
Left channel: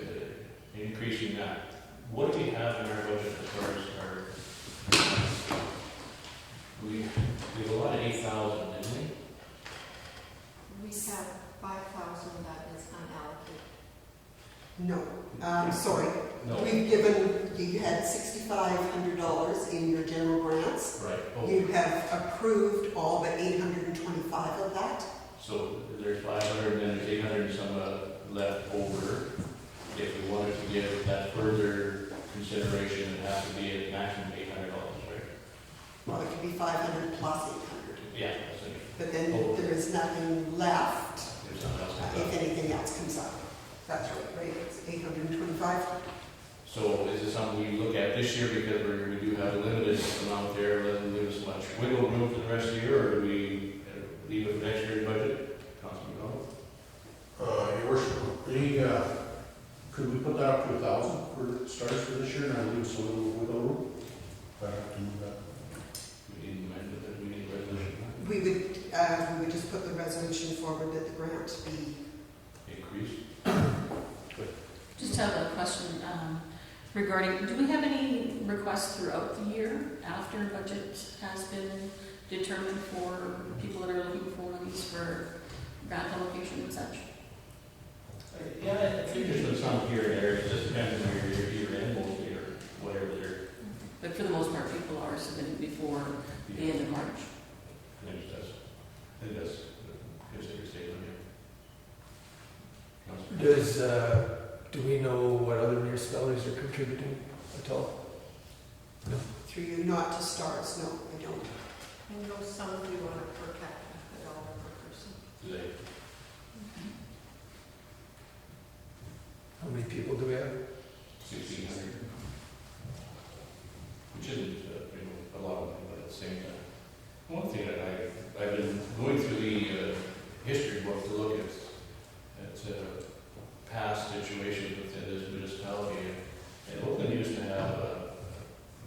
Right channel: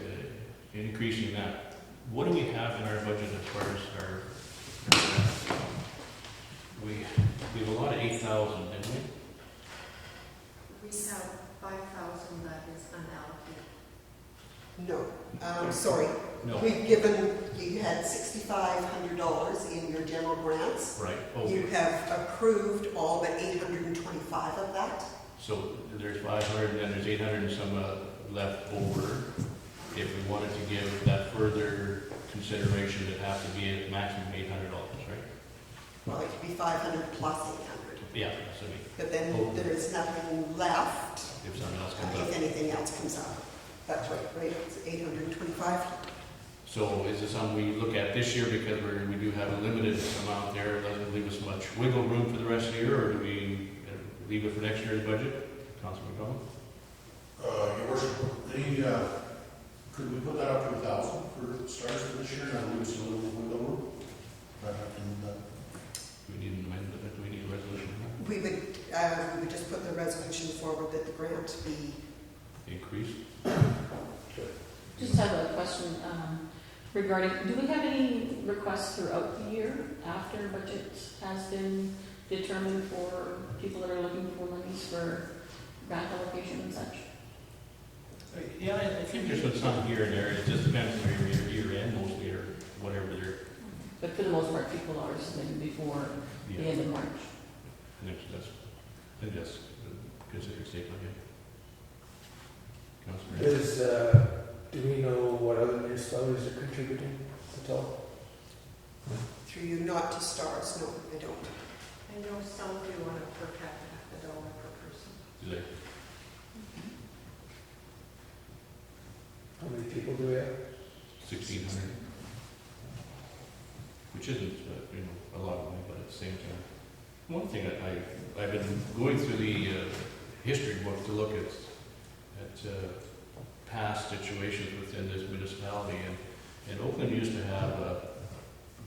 increasing that. What do we have in our budget as far as our, we have a lot of 8,000, didn't we? We have 5,000 that is unallocated. No, sorry. No. We've given, you had $6,500 in your general grants. Right. Oh. You have approved all but 825 of that. So there's 500, and then there's 800 and some left over. If we wanted to give that further consideration, it'd have to be at maximum $800, right? Well, it could be 500 plus 800. Yeah. So But then there is nothing left there's something else. if anything else comes up. That's right, it's 825. So is it something we look at this year because we do have a limited amount there, and doesn't leave us much wiggle room for the rest of the year, or do we leave it for next year's budget? Councilman McDonald? Your worship, could we put that up to 1,000 for starts for this year, and that'll leave us a little wiggle room? Do we need an amendment, do we need a resolution? We would just put the resolution forward that the grant be. Increase? Just have a question regarding, do we have any requests throughout the year after budget has been determined for people that are looking for monies for grant allocation and such? Yeah, I think there's been some here and there, it just depends on your year end mostly, or whatever they're. But for the most part, people are submitting before the end of March. I think that's a good statement, yeah. Councilman? Do we know what other municipalities are contributing at all? Through you, not to stars, no, I don't. I know some of you want it per capita, $1 per person. Do they? How many people do we have? 1,600. Which isn't, a One thing I've been going through the history book to look at past situations within this municipality, and Oakland used to have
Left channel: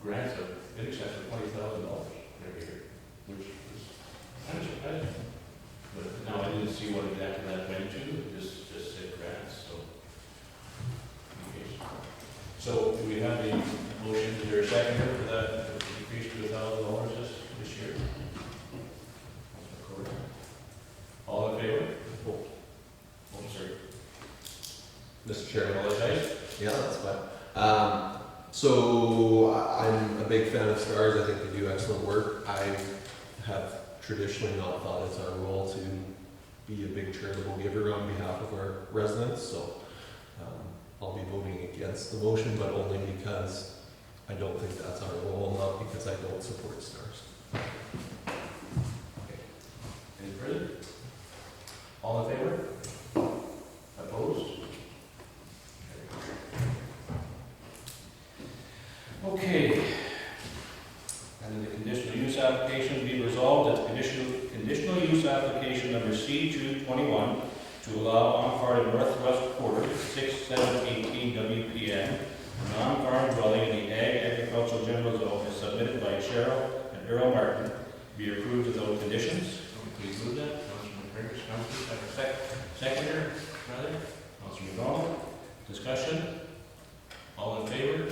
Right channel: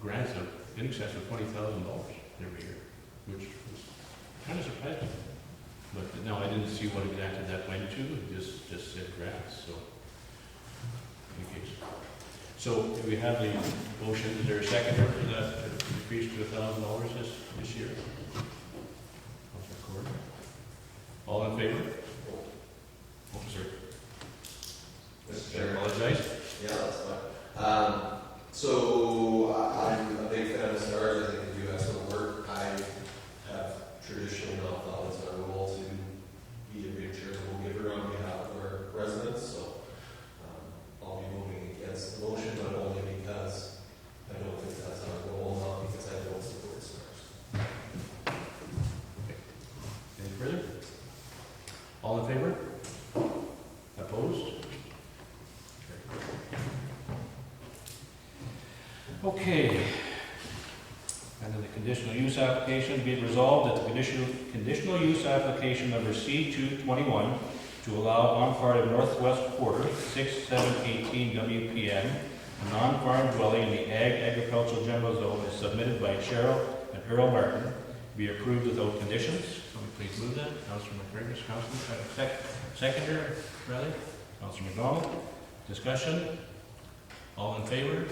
grants of in excess of $20,000 every year, which was kind of surprising. But no, I didn't see what exactly that went to, it just said grants, so. Okay. So do we have the motion, is there a second for that increase to $1,000 this year? All in favor? Oh, sorry. Mr. Chairman, Yeah, that's fine. So I'm a big fan of STARS. I think they do excellent work. I have traditionally not thought it's our role to be a big charitable giver on behalf of our residents, so I'll be voting against the motion, but only because I don't think that's our role, not because I don't support STARS. any further? All in favor? Opposed? Okay. And then the conditional use application be resolved that the conditional use application number C221 to allow on-part of northwest quarter 6718 WPN, a non-farm dwelling in the Ag Agricultural General Zone is submitted by Cheryl and Earl Martin, be approved without conditions. Please move that. Councilor McGregor, seconder, rather. Councilor McDonald. Discussion. All in favor?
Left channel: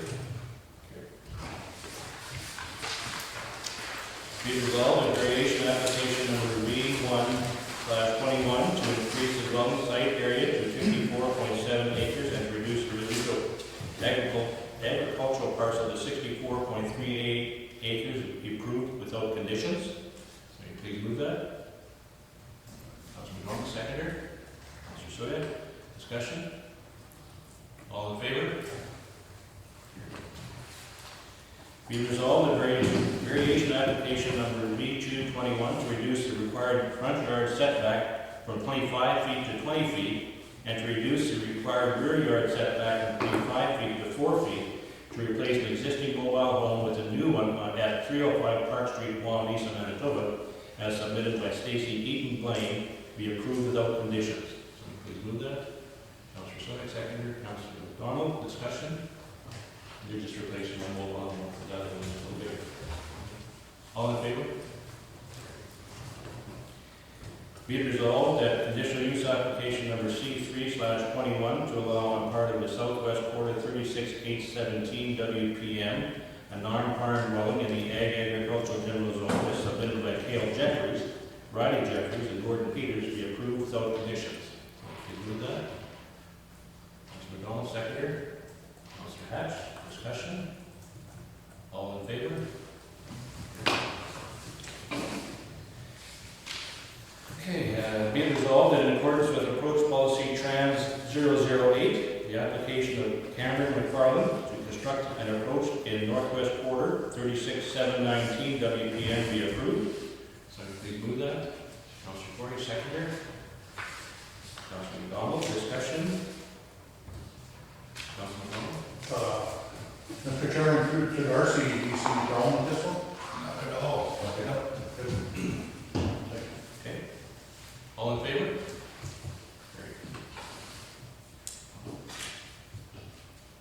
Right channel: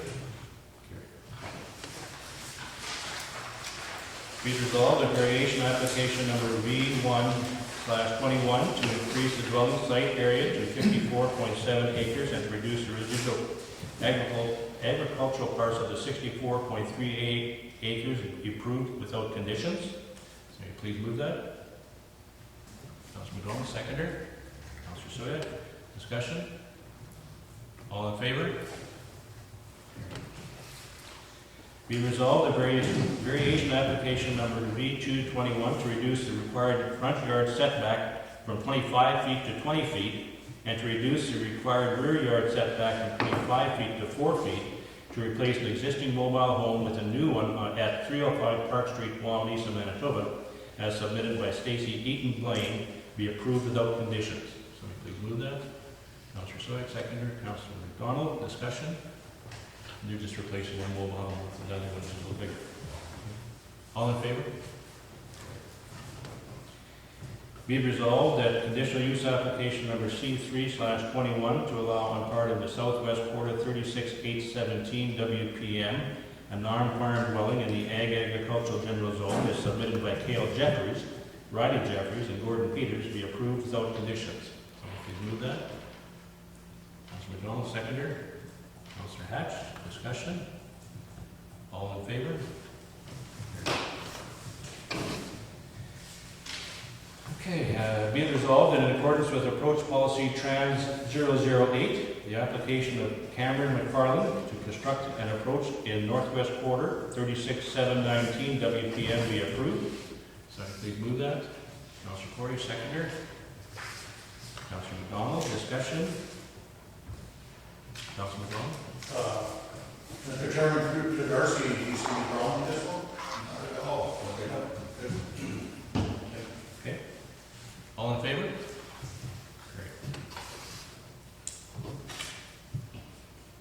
Be resolved that variation application number V1/21 to increase the dwelling site area to 54.7 acres and to reduce the residual agricultural parcel to 64.38 acres be approved without conditions. So will you please move that? Councilor McDonald, seconder. Councilor Soya. Discussion. All in favor? Be resolved that variation application number V221 to reduce the required front yard setback from 25 feet to 20 feet and to reduce the required rear yard setback from 25 feet to 4 feet to replace an existing mobile home with a new one at 305 Park Street, Wawanesa, Manitoba, as submitted by Stacy Eaton Blaine, be approved without conditions. Somebody please move that. Councilor Soy, seconder. Councilor McDonald, discussion. They're just replacing one mobile home with the other one that's a little bigger. All in favor? Be it resolved that conditional use application number C3/21 to allow on part of the southwest quarter 36817 WPM, a non-farm dwelling in the Ag Agricultural General Zone is submitted by Cale Jeffries, Riley Jeffries, and Gordon Peters, be approved without conditions. So please move that. Councilor McDonald, seconder. Councilor Hatch. Discussion? All in favor? Okay, be it resolved that in accordance with approach policy trans 008, the application of Cameron McFarland to construct an approach in northwest quarter 36719 WPM be approved. So please move that. Councilor Corey, seconder. Councilor McDonald, discussion? Councilor McDonald? Mr. Chairman, through to Darcy, do you see any problem with this one? Not at all. Okay. All in favor? Great.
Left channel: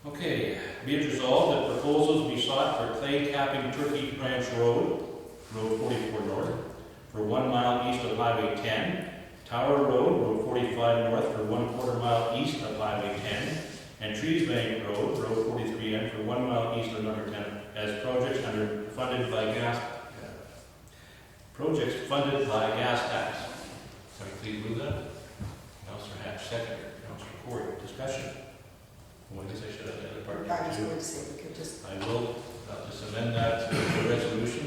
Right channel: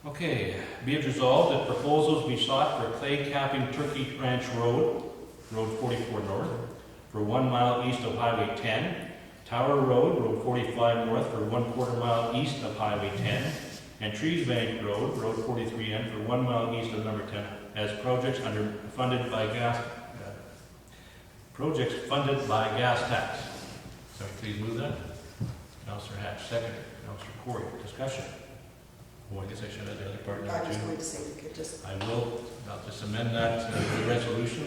Okay, be it resolved that proposals be sought for clay capping Turkey Ranch Road, Road 44 North, for 1 mile east of Highway 10, Tower Road, Road 45 North, for 1/4 mile east of Highway 10, and Trees Bank Road, Road 43N, for 1 mile east of number 10, as projects funded by gas tax. So please move that. Councilor Hatch, second. Councilor Corey, discussion. Oh, I guess I should have the other part I now was too. going to say, we could just, I will, I'll just amend that to the resolution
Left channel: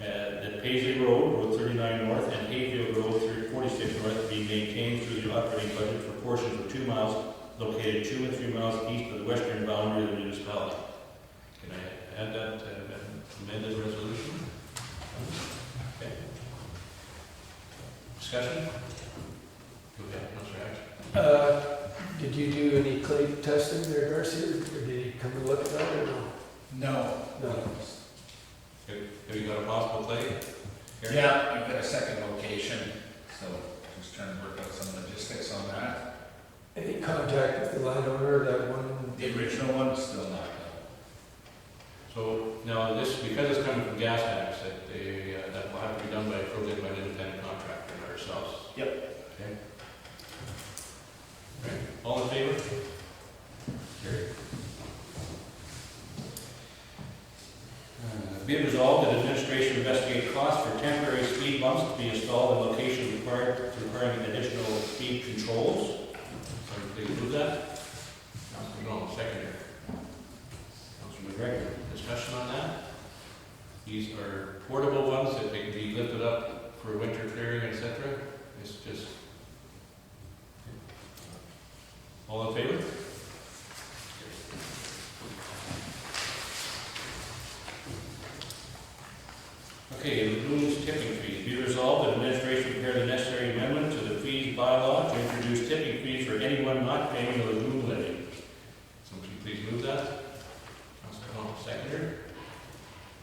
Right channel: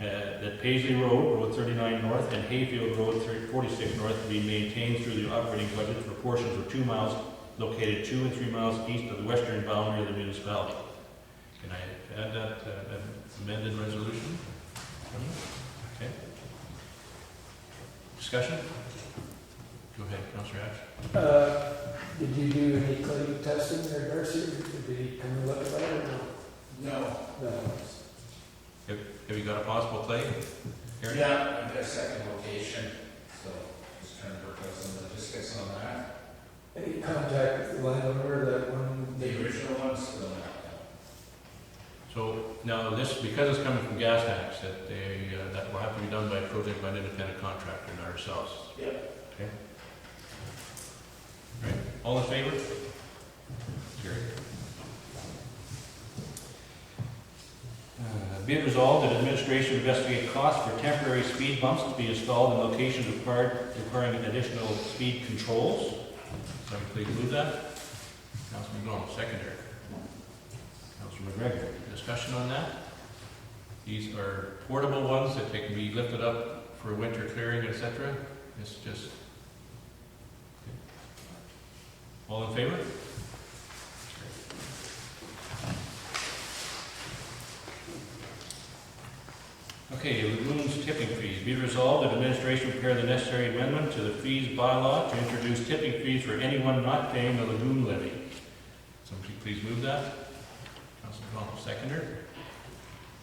that Paisley Road, Road 39 North, and Hayfield Road 46 North be maintained through the operating budget for portions of 2 miles located 2 and 3 miles east of the western boundary of the municipality. Can I add that amended resolution? Okay. Discussion? Go ahead, Councilor Hatch. Did you do any clay testing there, Darcy, or did he come and look at that or no? No. No. Have you got a possible clay? Gary? Yeah, I've got a second location, so just trying to work out some logistics on that. Any contact with the landowner, that one? The original one is still not. So now this, because it's coming from gas tax, that they, that will have to be done by a project by an independent contractor, not ourselves. Yep. Okay. Right, all in favor? Carried. Be it resolved that administration investigate costs for temporary speed bumps to be installed in locations requiring additional speed controls. Somebody please move that. Councilor McDonald, seconder. Councilor McGregor, discussion on that? These are portable ones that they can be lifted up for winter clearing, etc. It's just. All in favor? Okay, lagoons tipping fees. Be it resolved that administration prepare the necessary amendment to the fees bylaw to introduce tipping fees for anyone not paying the lagoon levy. Somebody please move that. Councilor Connell, seconder.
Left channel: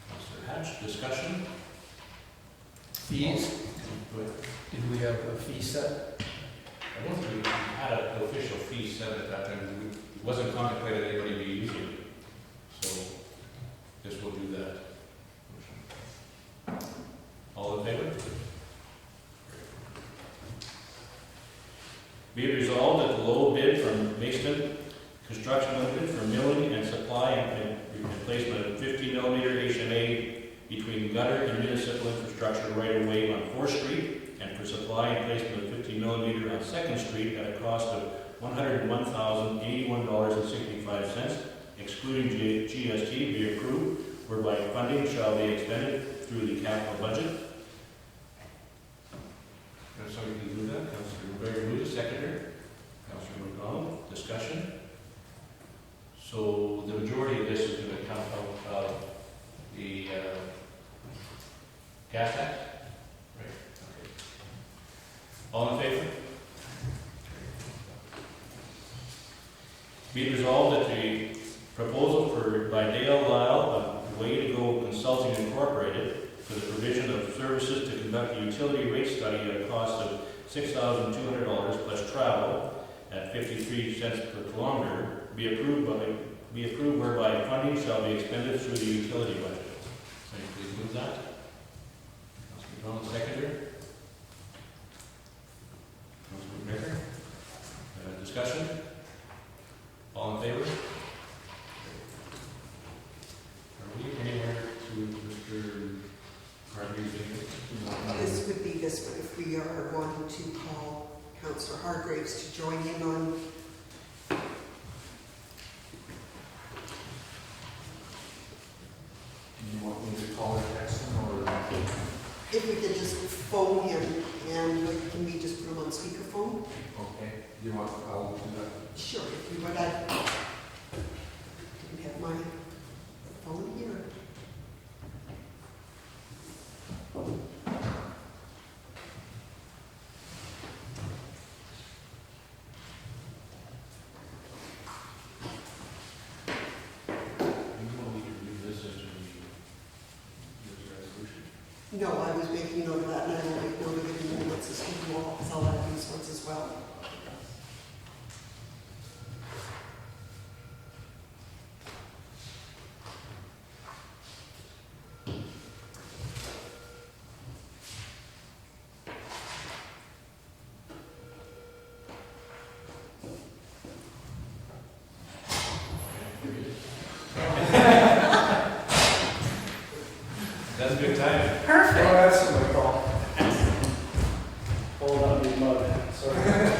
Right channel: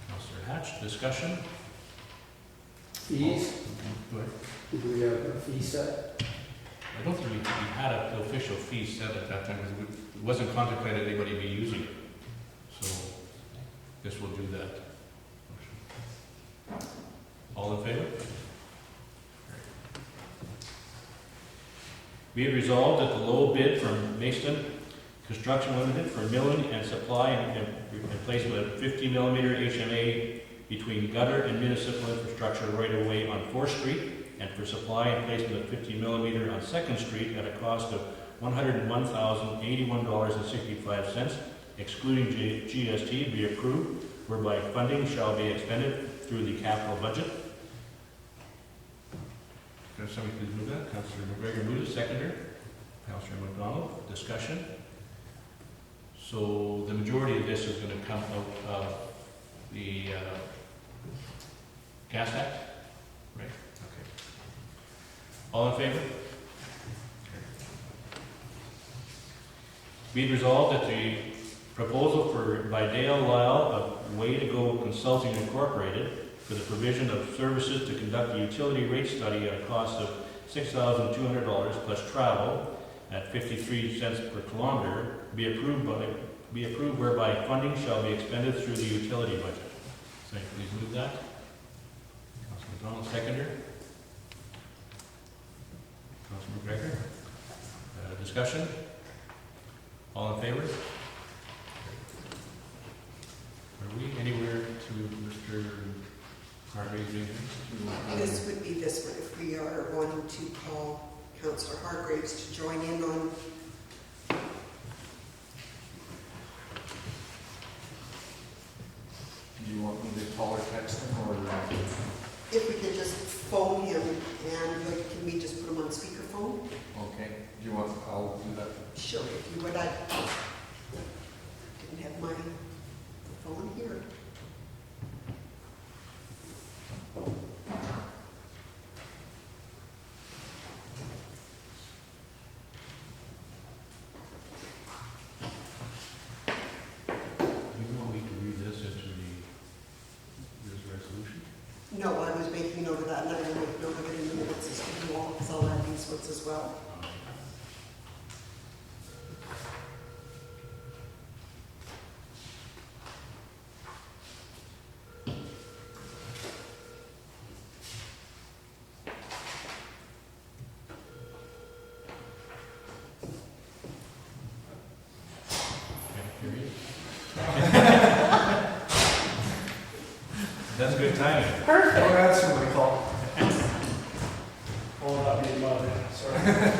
Councilor Hatch, discussion? Fees? Go ahead. Did we have a fee set? I don't think we had an official fee set at that time. It wasn't contemplated anybody be using it. So this will do that. All in favor? Be it resolved that the low bid from Mason Construction Limited for milling and supply and replacement of 50 millimeter HMA between gutter and municipal infrastructure right of way on 4th Street and for supply and placement of 50 millimeter on 2nd Street at a cost of $101,081.65, excluding GST, be approved, whereby funding shall be expended through the capital budget. Can somebody please move that? Councilor McGregor moves, seconder. Councilor McDonald, discussion. So the majority of this is going to come out of the gas tax? Right, okay. All in favor? Be it resolved that the proposal by Dale Lyle of Way to Go Consulting Incorporated for the provision of services to conduct a utility rate study at a cost of $6,200 plus travel at 53 cents per kilometer be approved whereby funding shall be expended through the utility budget. Somebody please move that. Councilor McDonald, seconder. Councilor McGregor. Discussion? All in favor? Are we anywhere to Mr. Harvey's meeting? This would be this one, if we are going to call Councillor Hargraves to join in on. Do you want me to call or text him, or? If we could just phone him, and can we just put him on speakerphone? Okay, do you want, I'll do that. Sure, if you would, I didn't have my phone here. You want me to read this into this resolution? No, I was making note of that, and I will make note of it in the minutes as we do all, because I'll add these ones as well. That's a good time. Oh, that's in my fault. Hold on, be mud, sorry.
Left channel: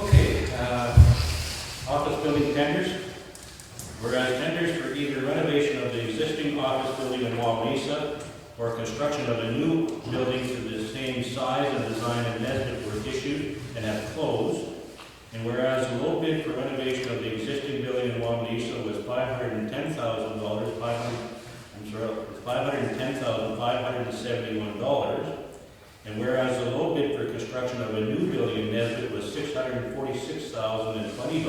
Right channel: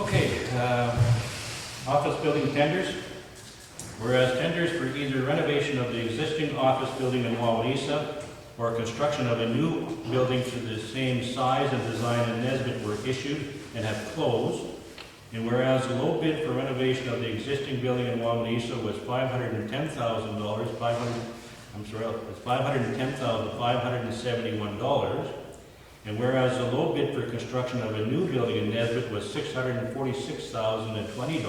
Okay, office building tenders. Whereas tenders for either renovation of the existing office building in Wawanesa or construction of a new building through the same size and design as Nesbit were issued and have closed. And whereas the low bid for renovation of the existing building in Wawanesa was $510,000, $510,571. And whereas the low bid for construction of a new building in Nesbit was $646,020.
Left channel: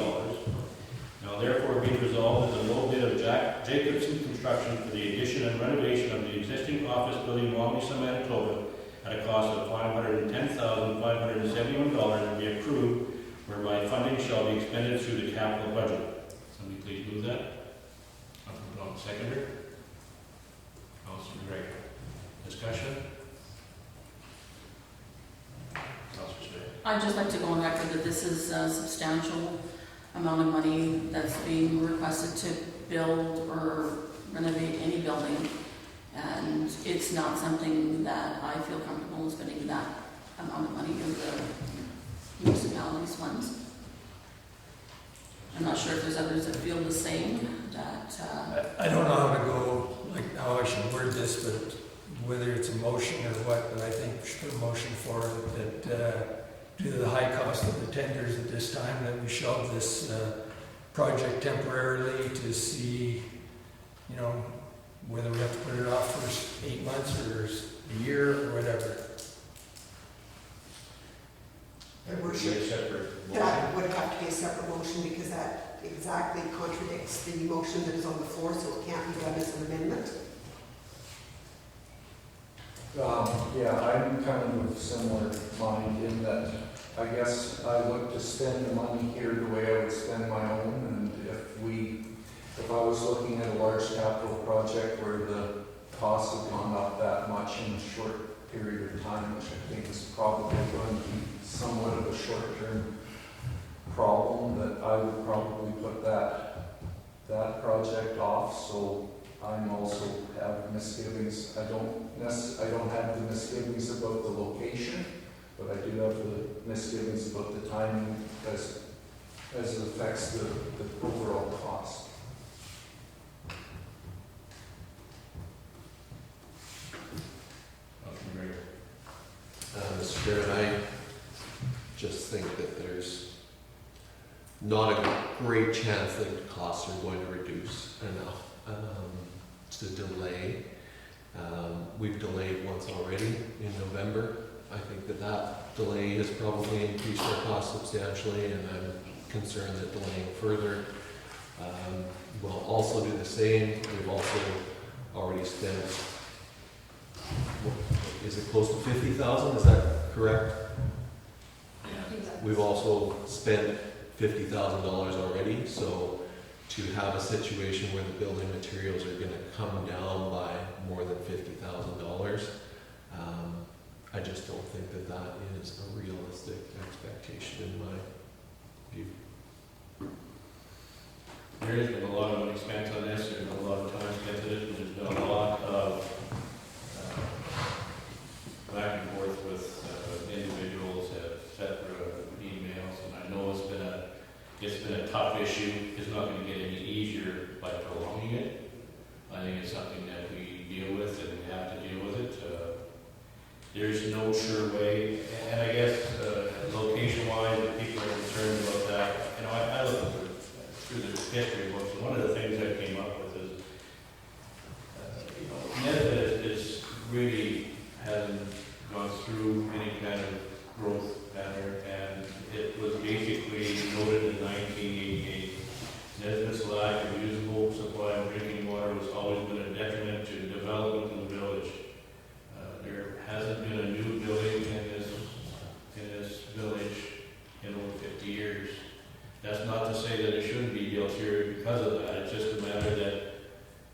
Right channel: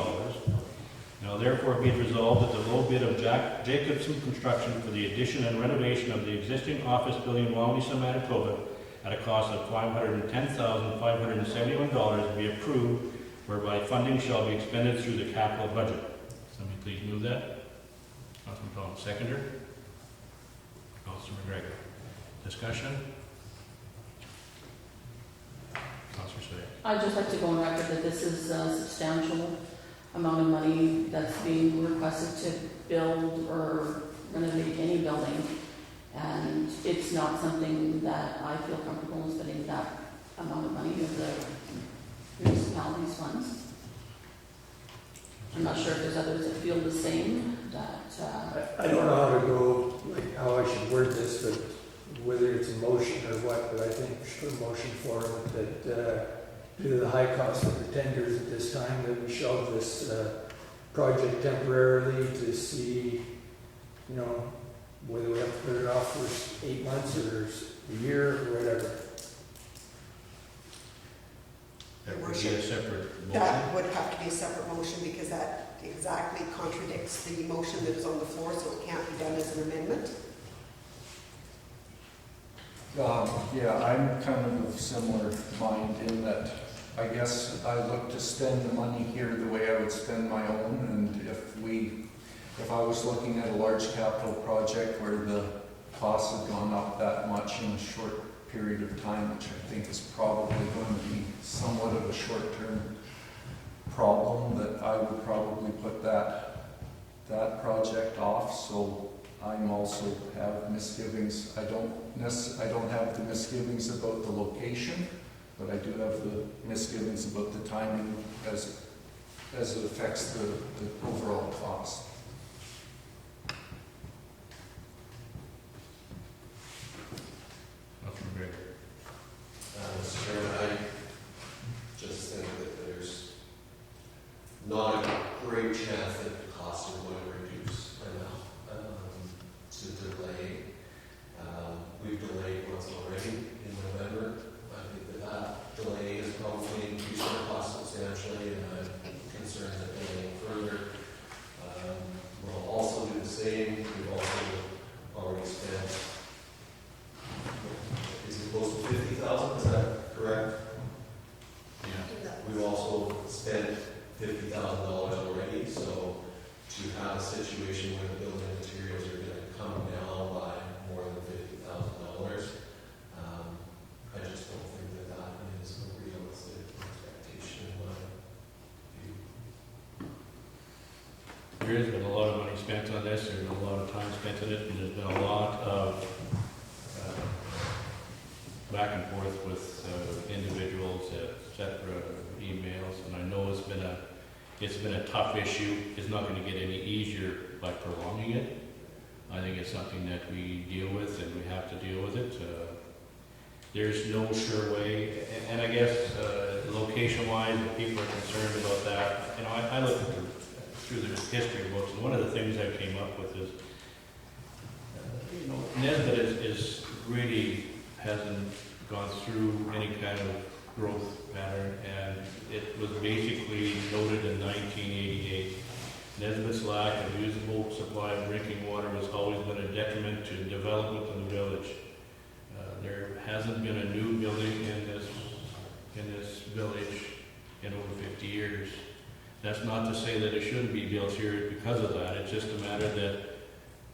Now therefore be it resolved that the low bid of Jacobson Construction for the addition and renovation of the existing office building in Wawanesa, Manitoba, at a cost of $510,571 be approved, whereby funding shall be expended through the capital budget. Somebody please move that. Councilor Don, seconder. Councilor McGregor. Discussion? Councilor Slater. I'd just like to go on record that this is a substantial amount of money that's being requested to build or renovate any building. And it's not something that I feel comfortable in spending that amount of money in the municipality's funds. I'm not sure if there's others that feel the same, that, I don't know how to go, like, how I should word this, but whether it's a motion or what, but I think we should put a motion for it that, due to the high cost of the tenders at this time, that we shelve this, project temporarily to see, you know, whether we have to put it off for 8 months or a year or whatever. That would be a separate motion. That would have to be a separate motion because that exactly contradicts the motion that is on the floor, so it can't be done as an amendment. Yeah, I'm kind of of similar mind in that I guess I look to spend the money here the way I would spend my own, and if I was looking at a large capital project where the costs have gone up that much in a short period of time, which I think is probably going to be somewhat of a short-term problem, that I would probably put that project off. So I'm also have misgivings. I don't have the misgivings about the location, but I do have the misgivings about the timing as it affects the overall cost. Mr. Chair, I just think that there's not a great chance that the costs are going to reduce enough to delay. We've delayed once already in November. I think that delay has probably increased our costs substantially, and I'm concerned that delaying further will also do the same. We've also already spent, is it close to 50,000? Is that correct? Yeah. We've also spent $50,000 already, so to have a situation where the building materials are going to come down by more than $50,000, I just don't think that is a realistic expectation in my view. There has been a lot of money spent on this, there's been a lot of time spent on it, and there's been a lot of back and forth with individuals, etc., emails, and I know it's been a tough issue. It's not going to get any easier by prolonging it. I think it's something that we deal with, and we have to deal with it. There's no sure way, and I guess location-wise, people are concerned about that. You know, I looked through the history books, and one of the things I came up with is, Nesbit is really hasn't gone through any kind of growth pattern, and it was basically noted in 1988. Nesbit's lack of usable supply of drinking water has always been a detriment to development of the village. There hasn't been a new building in this village in over 50 years. That's not to say that it shouldn't be built here because of that. It's just a matter that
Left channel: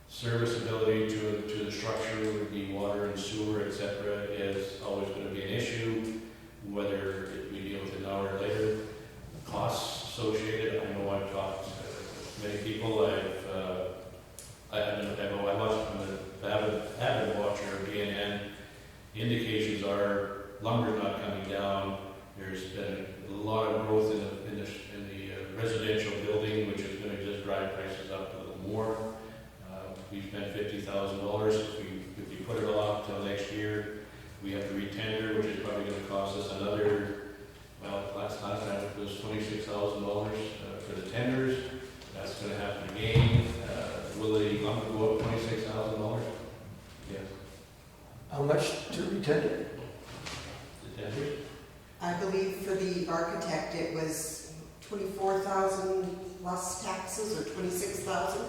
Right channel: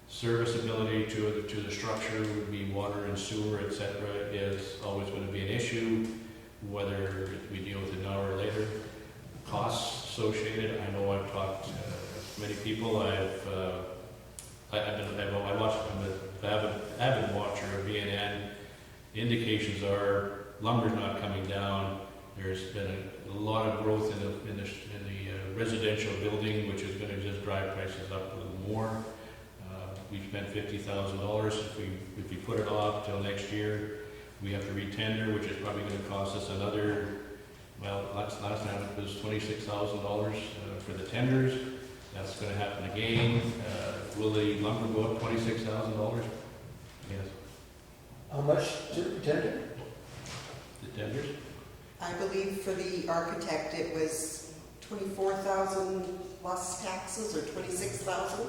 serviceability to the structure would be water and sewer, etc., is always going to be an issue, whether we deal with it now or later. Costs associated, I know I've talked to many people. I watched, I'm an avid watcher of BNN. The indications are lumber's not coming down. There's been a lot of growth in the residential building, which is going to just drive prices up a little more. We spent $50,000. If we put it off till next year, We have to re-tender, which is probably gonna cost us another, well, last time it was $26,000 for the tenders. That's gonna happen again. Will the lumber go up $26,000? Yes, How much to retender? the tenders. I believe for the architect, it was 24,000 plus taxes, or 26,000.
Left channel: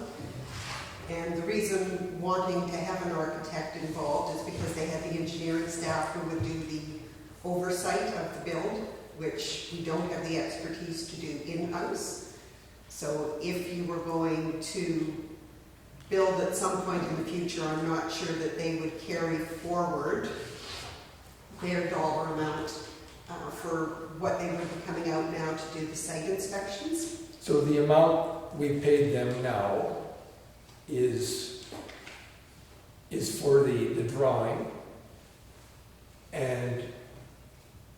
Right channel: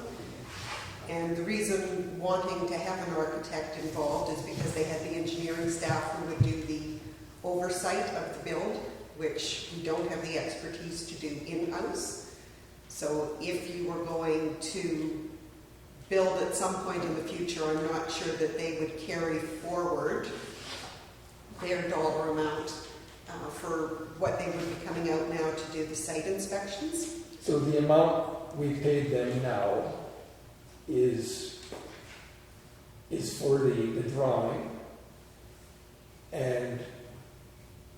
And the reason wanting to have an architect involved is because they had the engineering staff who would do the oversight of the build, which we don't have the expertise to do in-house. So if you were going to build at some point in the future, I'm not sure that they would carry forward their dollar amount for what they would be coming out now to do the site inspections. So the amount we paid them now is for the drawing, and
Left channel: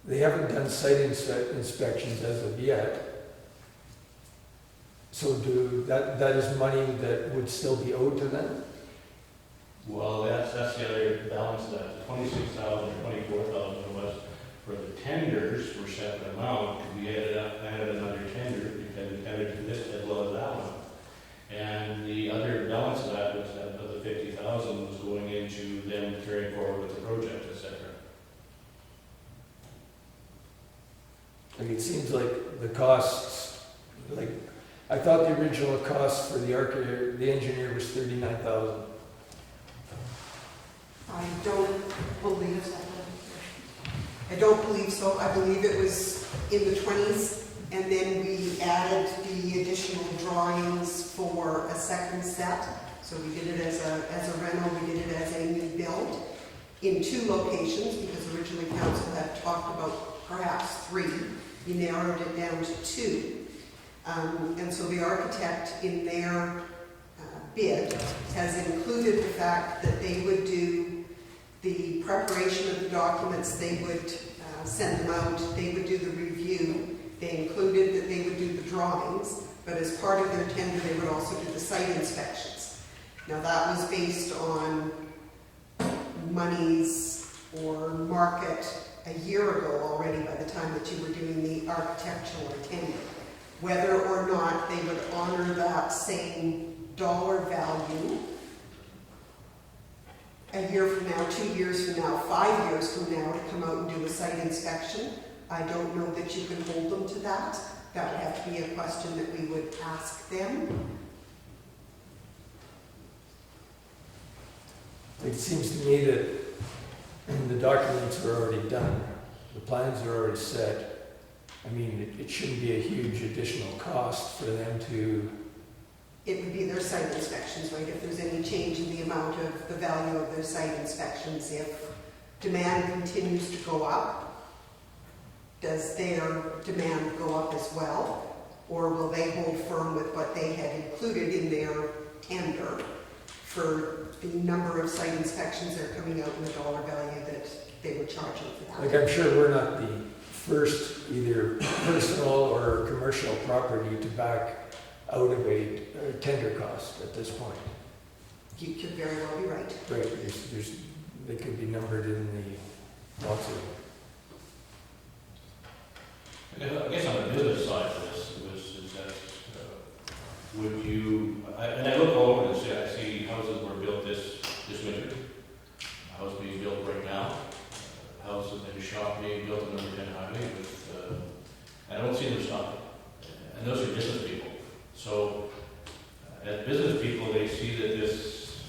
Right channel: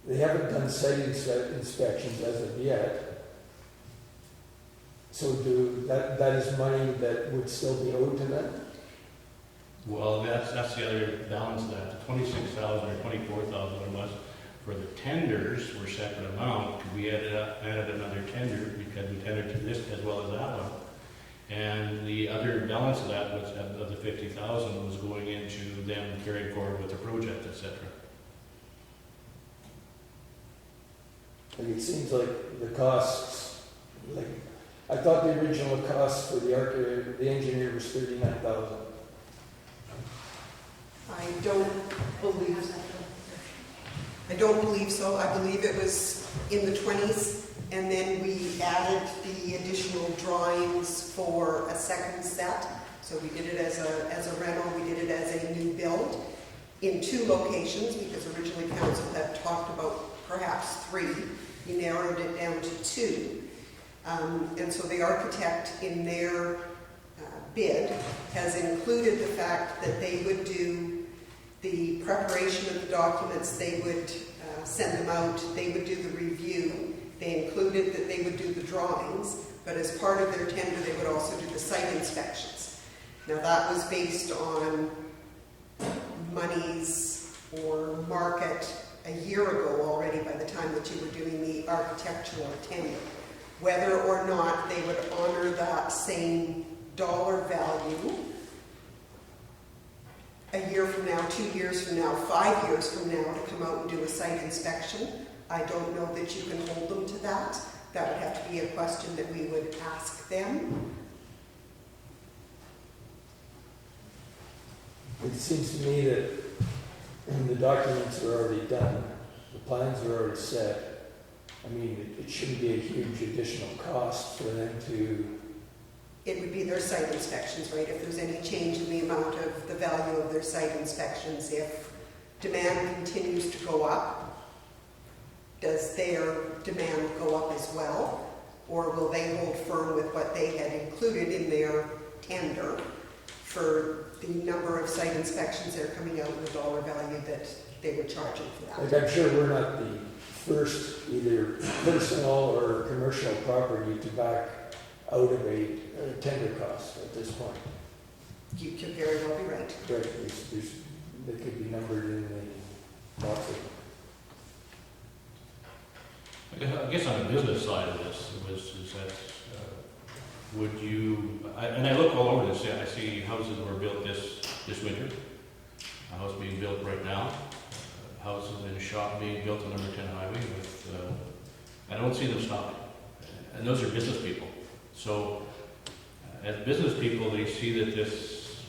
they haven't done site inspections as of yet. So that is money that would still be owed to them? Well, that's the other balance of that, 26,000 or 24,000 or less for the tenders were separate amount, because we added another tender, because we tendered to this as well as that one. And the other balance of that, which of the 50,000 was going into them carrying forward with the project, et cetera. Like, it seems like the costs, like, I thought the original cost for the engineer was 39,000. I don't believe so. I believe it was in the 20s, and then we added the additional drawings for a second set. So we did it as a rental, we did it as a new build in 2 locations, because originally council had talked about perhaps 3. We narrowed it down to 2. And so the architect in their bid has included the fact that they would do the preparation of the documents, they would send them out, they would do the review. They included that they would do the drawings, but as part of their tender, they would also do the site inspections. Now that was based on monies or market a year ago already by the time that you were doing the architectural tender. Whether or not they would honor that same dollar value a year from now, 2 years from now, 5 years from now to come out and do a site inspection, I don't know that you can hold them to that. That would have to be a question that we would ask them. It seems to me that the documents are already done, the plans are already set. I mean, it shouldn't be a huge additional cost for them to... It would be their site inspections, right? If there's any change in the amount of the value of their site inspections, if demand continues to go up, does their demand go up as well? Or will they hold firm with what they had included in their tender for the number of site inspections that are coming out and the dollar value that they were charging for that? Like, I'm sure we're not the first either personal or commercial property to back out of a tender cost at this point. You could very well be right. Right, they could be numbered in the policy. I guess on the business side of this, is that, would you, and I look all over this, I see houses were built this winter, a house being built right now, houses in shop being built on number 10 highway with, I don't see them stopping. And those are business people. So, as business people, they see that this,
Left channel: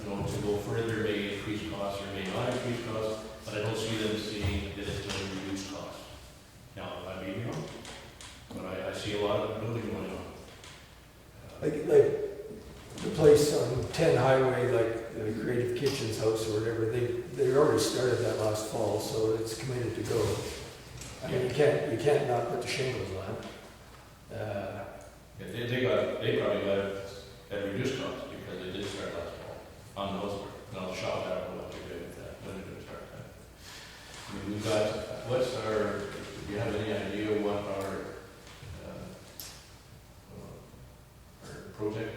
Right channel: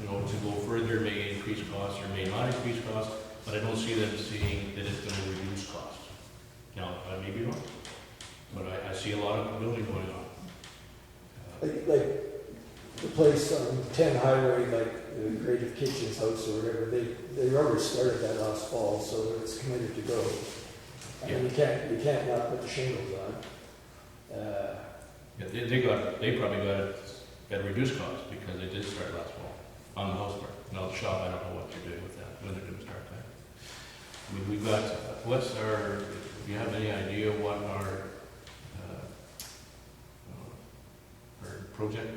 to go further may increase costs or may not increase costs, but I don't see them seeing that it's going to reduce costs. Now, I may be wrong, but I see a lot of building going on. Like the place on 10 Highway, like the Creative Kitchens house or whatever, they already started that last fall, so it's committed to go. I mean, you can't not put the shingles on. They probably got at reduced costs because they did start last fall on the house part. Now the shop, I don't know what you're doing with that, when they're going to start that. I mean, we've got, do you have any idea what our project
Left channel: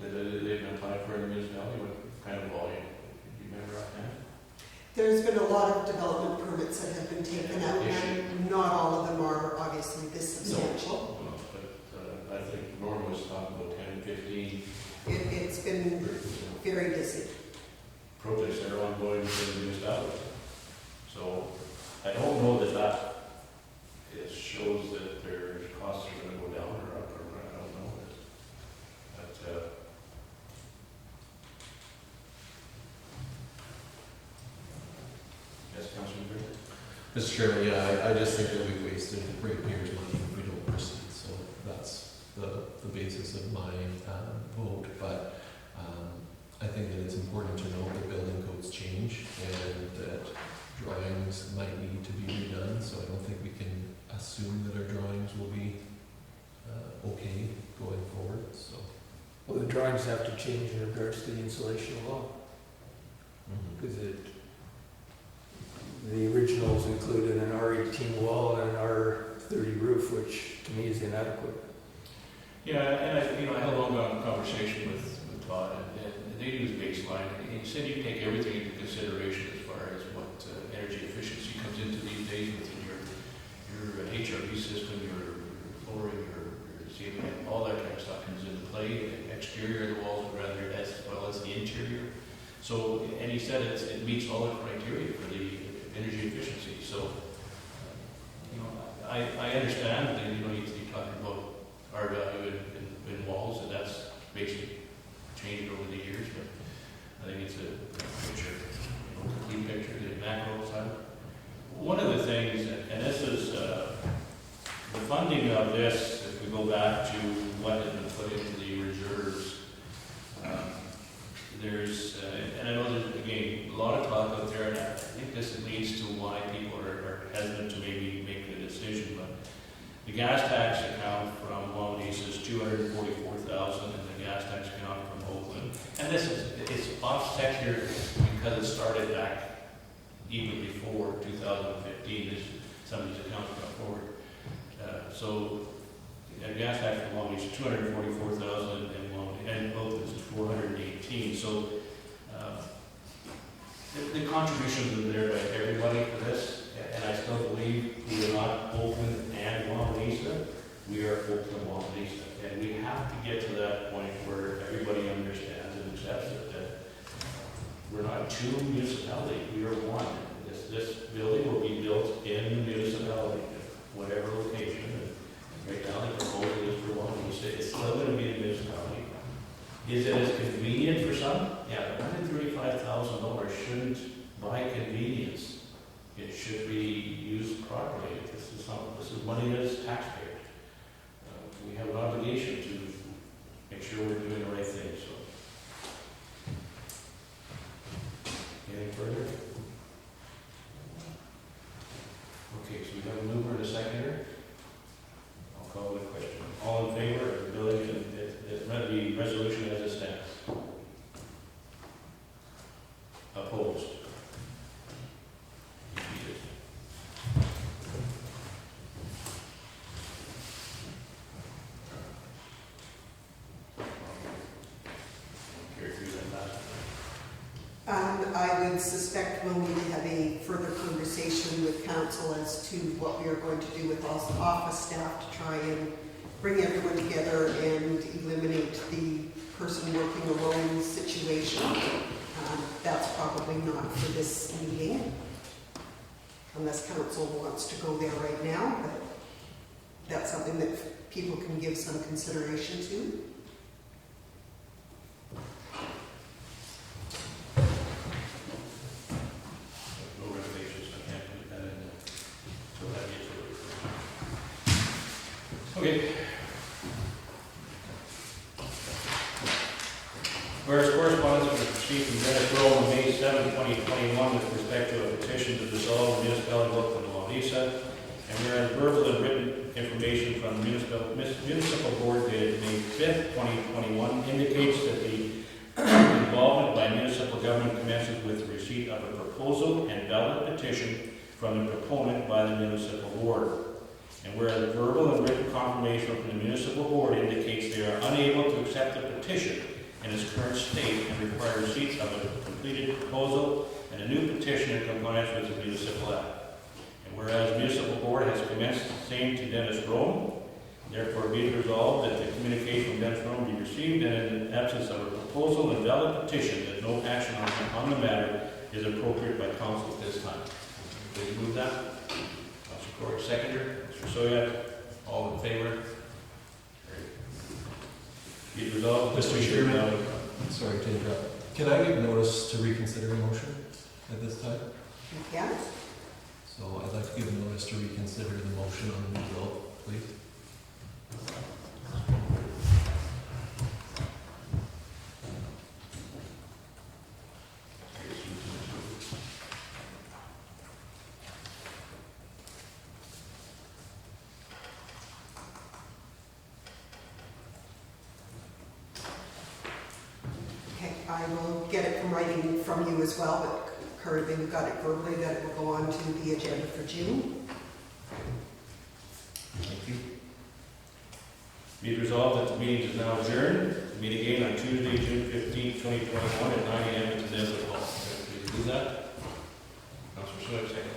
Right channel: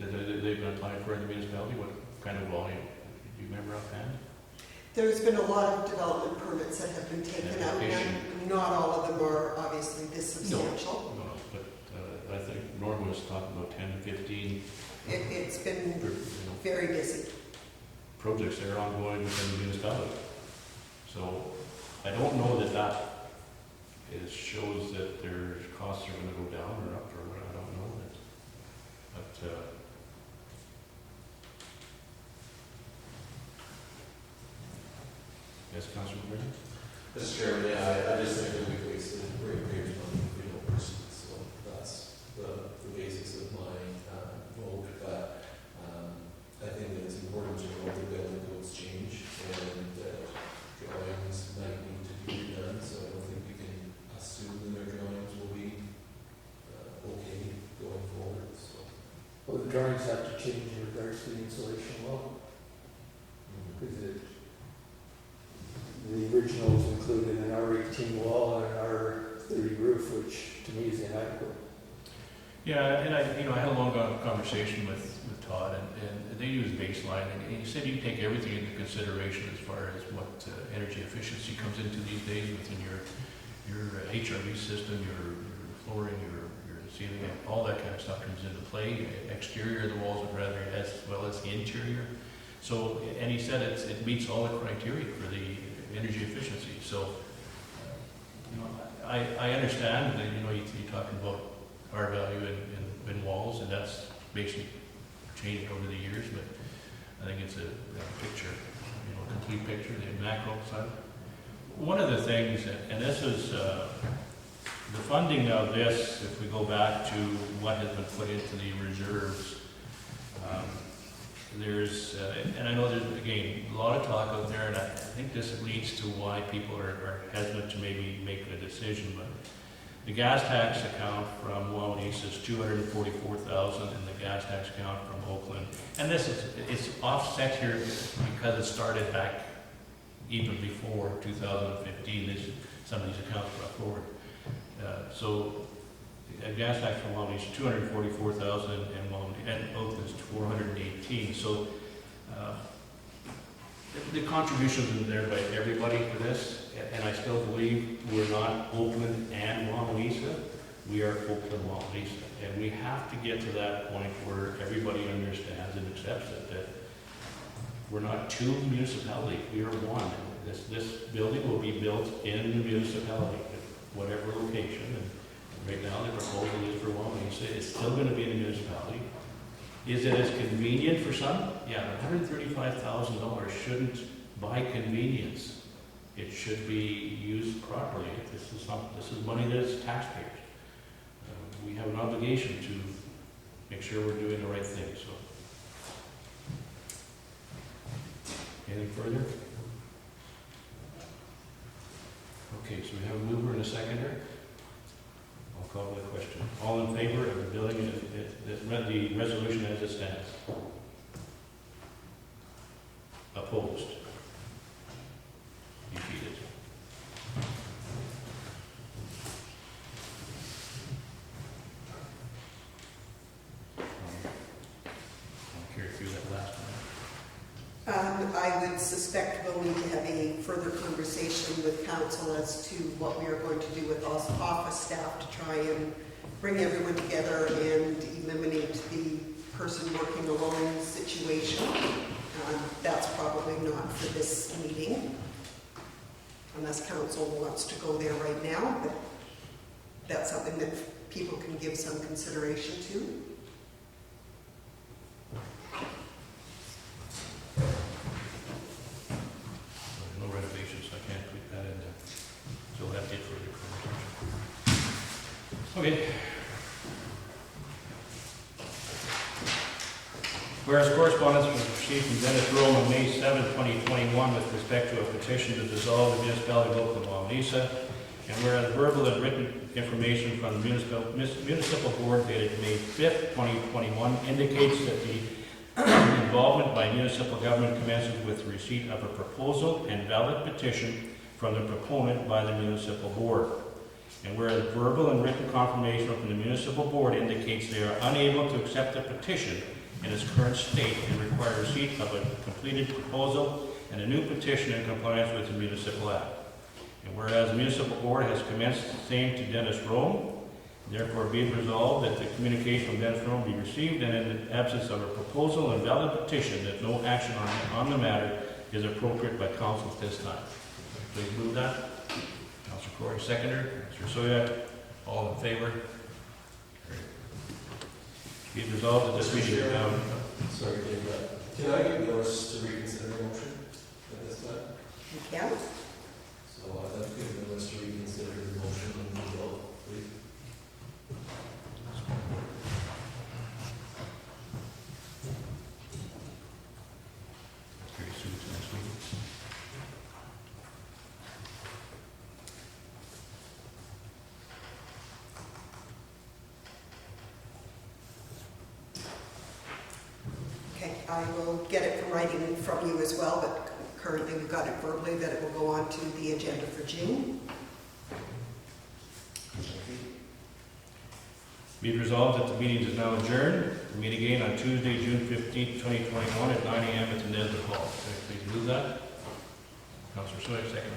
that they've been applying for in the municipality, what kind of volume? Do you remember offhand? There's been a lot of development permits that have been taken out, and not all of them are obviously this substantial. No, but I think Norm was talking about 10 to 15 It's been very busy. projects that are ongoing within the municipality. So I don't know that it shows that their costs are gonna go down or up, or I don't know. But, yes, Councilor Britton? Mr. Chairman, yeah, I just think that we've wasted ratepayers' money if we don't proceed, so that's the basis of my vote. But I think that it's important to note that building codes change and that drawings might need to be redone, so I don't think we can assume that our drawings will be okay going forward, so. Well, the drawings have to change in regards to the insulation law, because the originals included an R18 wall and an R30 roof, which to me is inadequate. Yeah, and I had a long conversation with Todd, and they use baseline, and he said you take everything into consideration as far as what energy efficiency comes into these days within your HRV system, your flooring, your ceiling, all that kind of stuff comes into play. Exterior of the walls, rather, as well as the interior. So, and he said it meets all the criteria for the energy efficiency. So, I understand that you're talking about R value in walls, and that's basically changed over the years, but I think it's a picture, complete picture, the macro side. One of the things, and this is the funding of this, if we go back to what has been put into the reserves, there's, and I know there's, again, a lot of talk out there, and I think this leads to why people are hesitant to maybe make a decision, but the gas tax account from Wawanesa is $244,000, and the gas tax account from Oakland. And it's offset here because it started back even before 2015. Some of these accounts brought forward. So a gas tax from Wawanesa is $244,000, and Oakland is $418,000. So the contributions are there by everybody for this. And I still believe we are not Oakland and Wawanesa. We are Oakland and Wawanesa. And we have to get to that point where everybody understands and accepts it, that we're not two municipalities, we are one. This building will be built in the municipality, whatever location. And right now the proposal is for Wawanesa. It's still going to be in the municipality. Is it as convenient for some? Yeah, $135,000 shouldn't buy convenience. It should be used properly. This is money that is taxpayers. We have an obligation to make sure we're doing the right thing. So, anything further? Okay, so we have a mover and a seconder. I'll call the question. All in favor of the building, the resolution as it stands? Opposed? Defeated. I'll carry through that last one. I would suspect we'll need to have a further conversation with council as to what we are going to do with office staff to try and bring everyone together and eliminate the person working alone situation. That's probably not for this meeting, unless council wants to go there right now, but that's something that people can give some consideration to. No regulations, I can't put that in there. So that gets further information. Okay. Whereas correspondence was received from Dennis Rowe on May 7, 2021 with respect to a petition to dissolve the Municipality of Oakland-Wawanesa, and whereas verbal and written information from the municipal board dated May 5, 2021 indicates that the involvement by municipal government commences with the receipt of a proposal and valid petition from the proponent by the municipal board. And whereas verbal and written confirmation from the municipal board indicates they are unable to accept the petition in its current state and require receipt of a completed proposal and a new petition in compliance with the municipal act. And whereas the municipal board has commenced the same to Dennis Rome, therefore be it resolved that the communication from Dennis Rome be received, and in the absence of a proposal and valid petition, that no action on the matter is appropriate by council at this time. Please move that. Councilor Corey, seconder. Mr. Soya, all in favor? Be it resolved that this Mr. meeting is now. Chairman. Sorry to interrupt. Can I give notice to reconsider the motion at this time? You can. So I'd like to give notice to reconsider the motion on the bill, please. Okay, I will get it from writing from you as well, but currently we've got it verbally that it will go on to the agenda for June. Thank you. Be it resolved that the meeting is now adjourned. We meet again on Tuesday, June 15th, 2021 at 9 a.m. at the Nesbitt Hall. Please move that. Councilor Soy, second.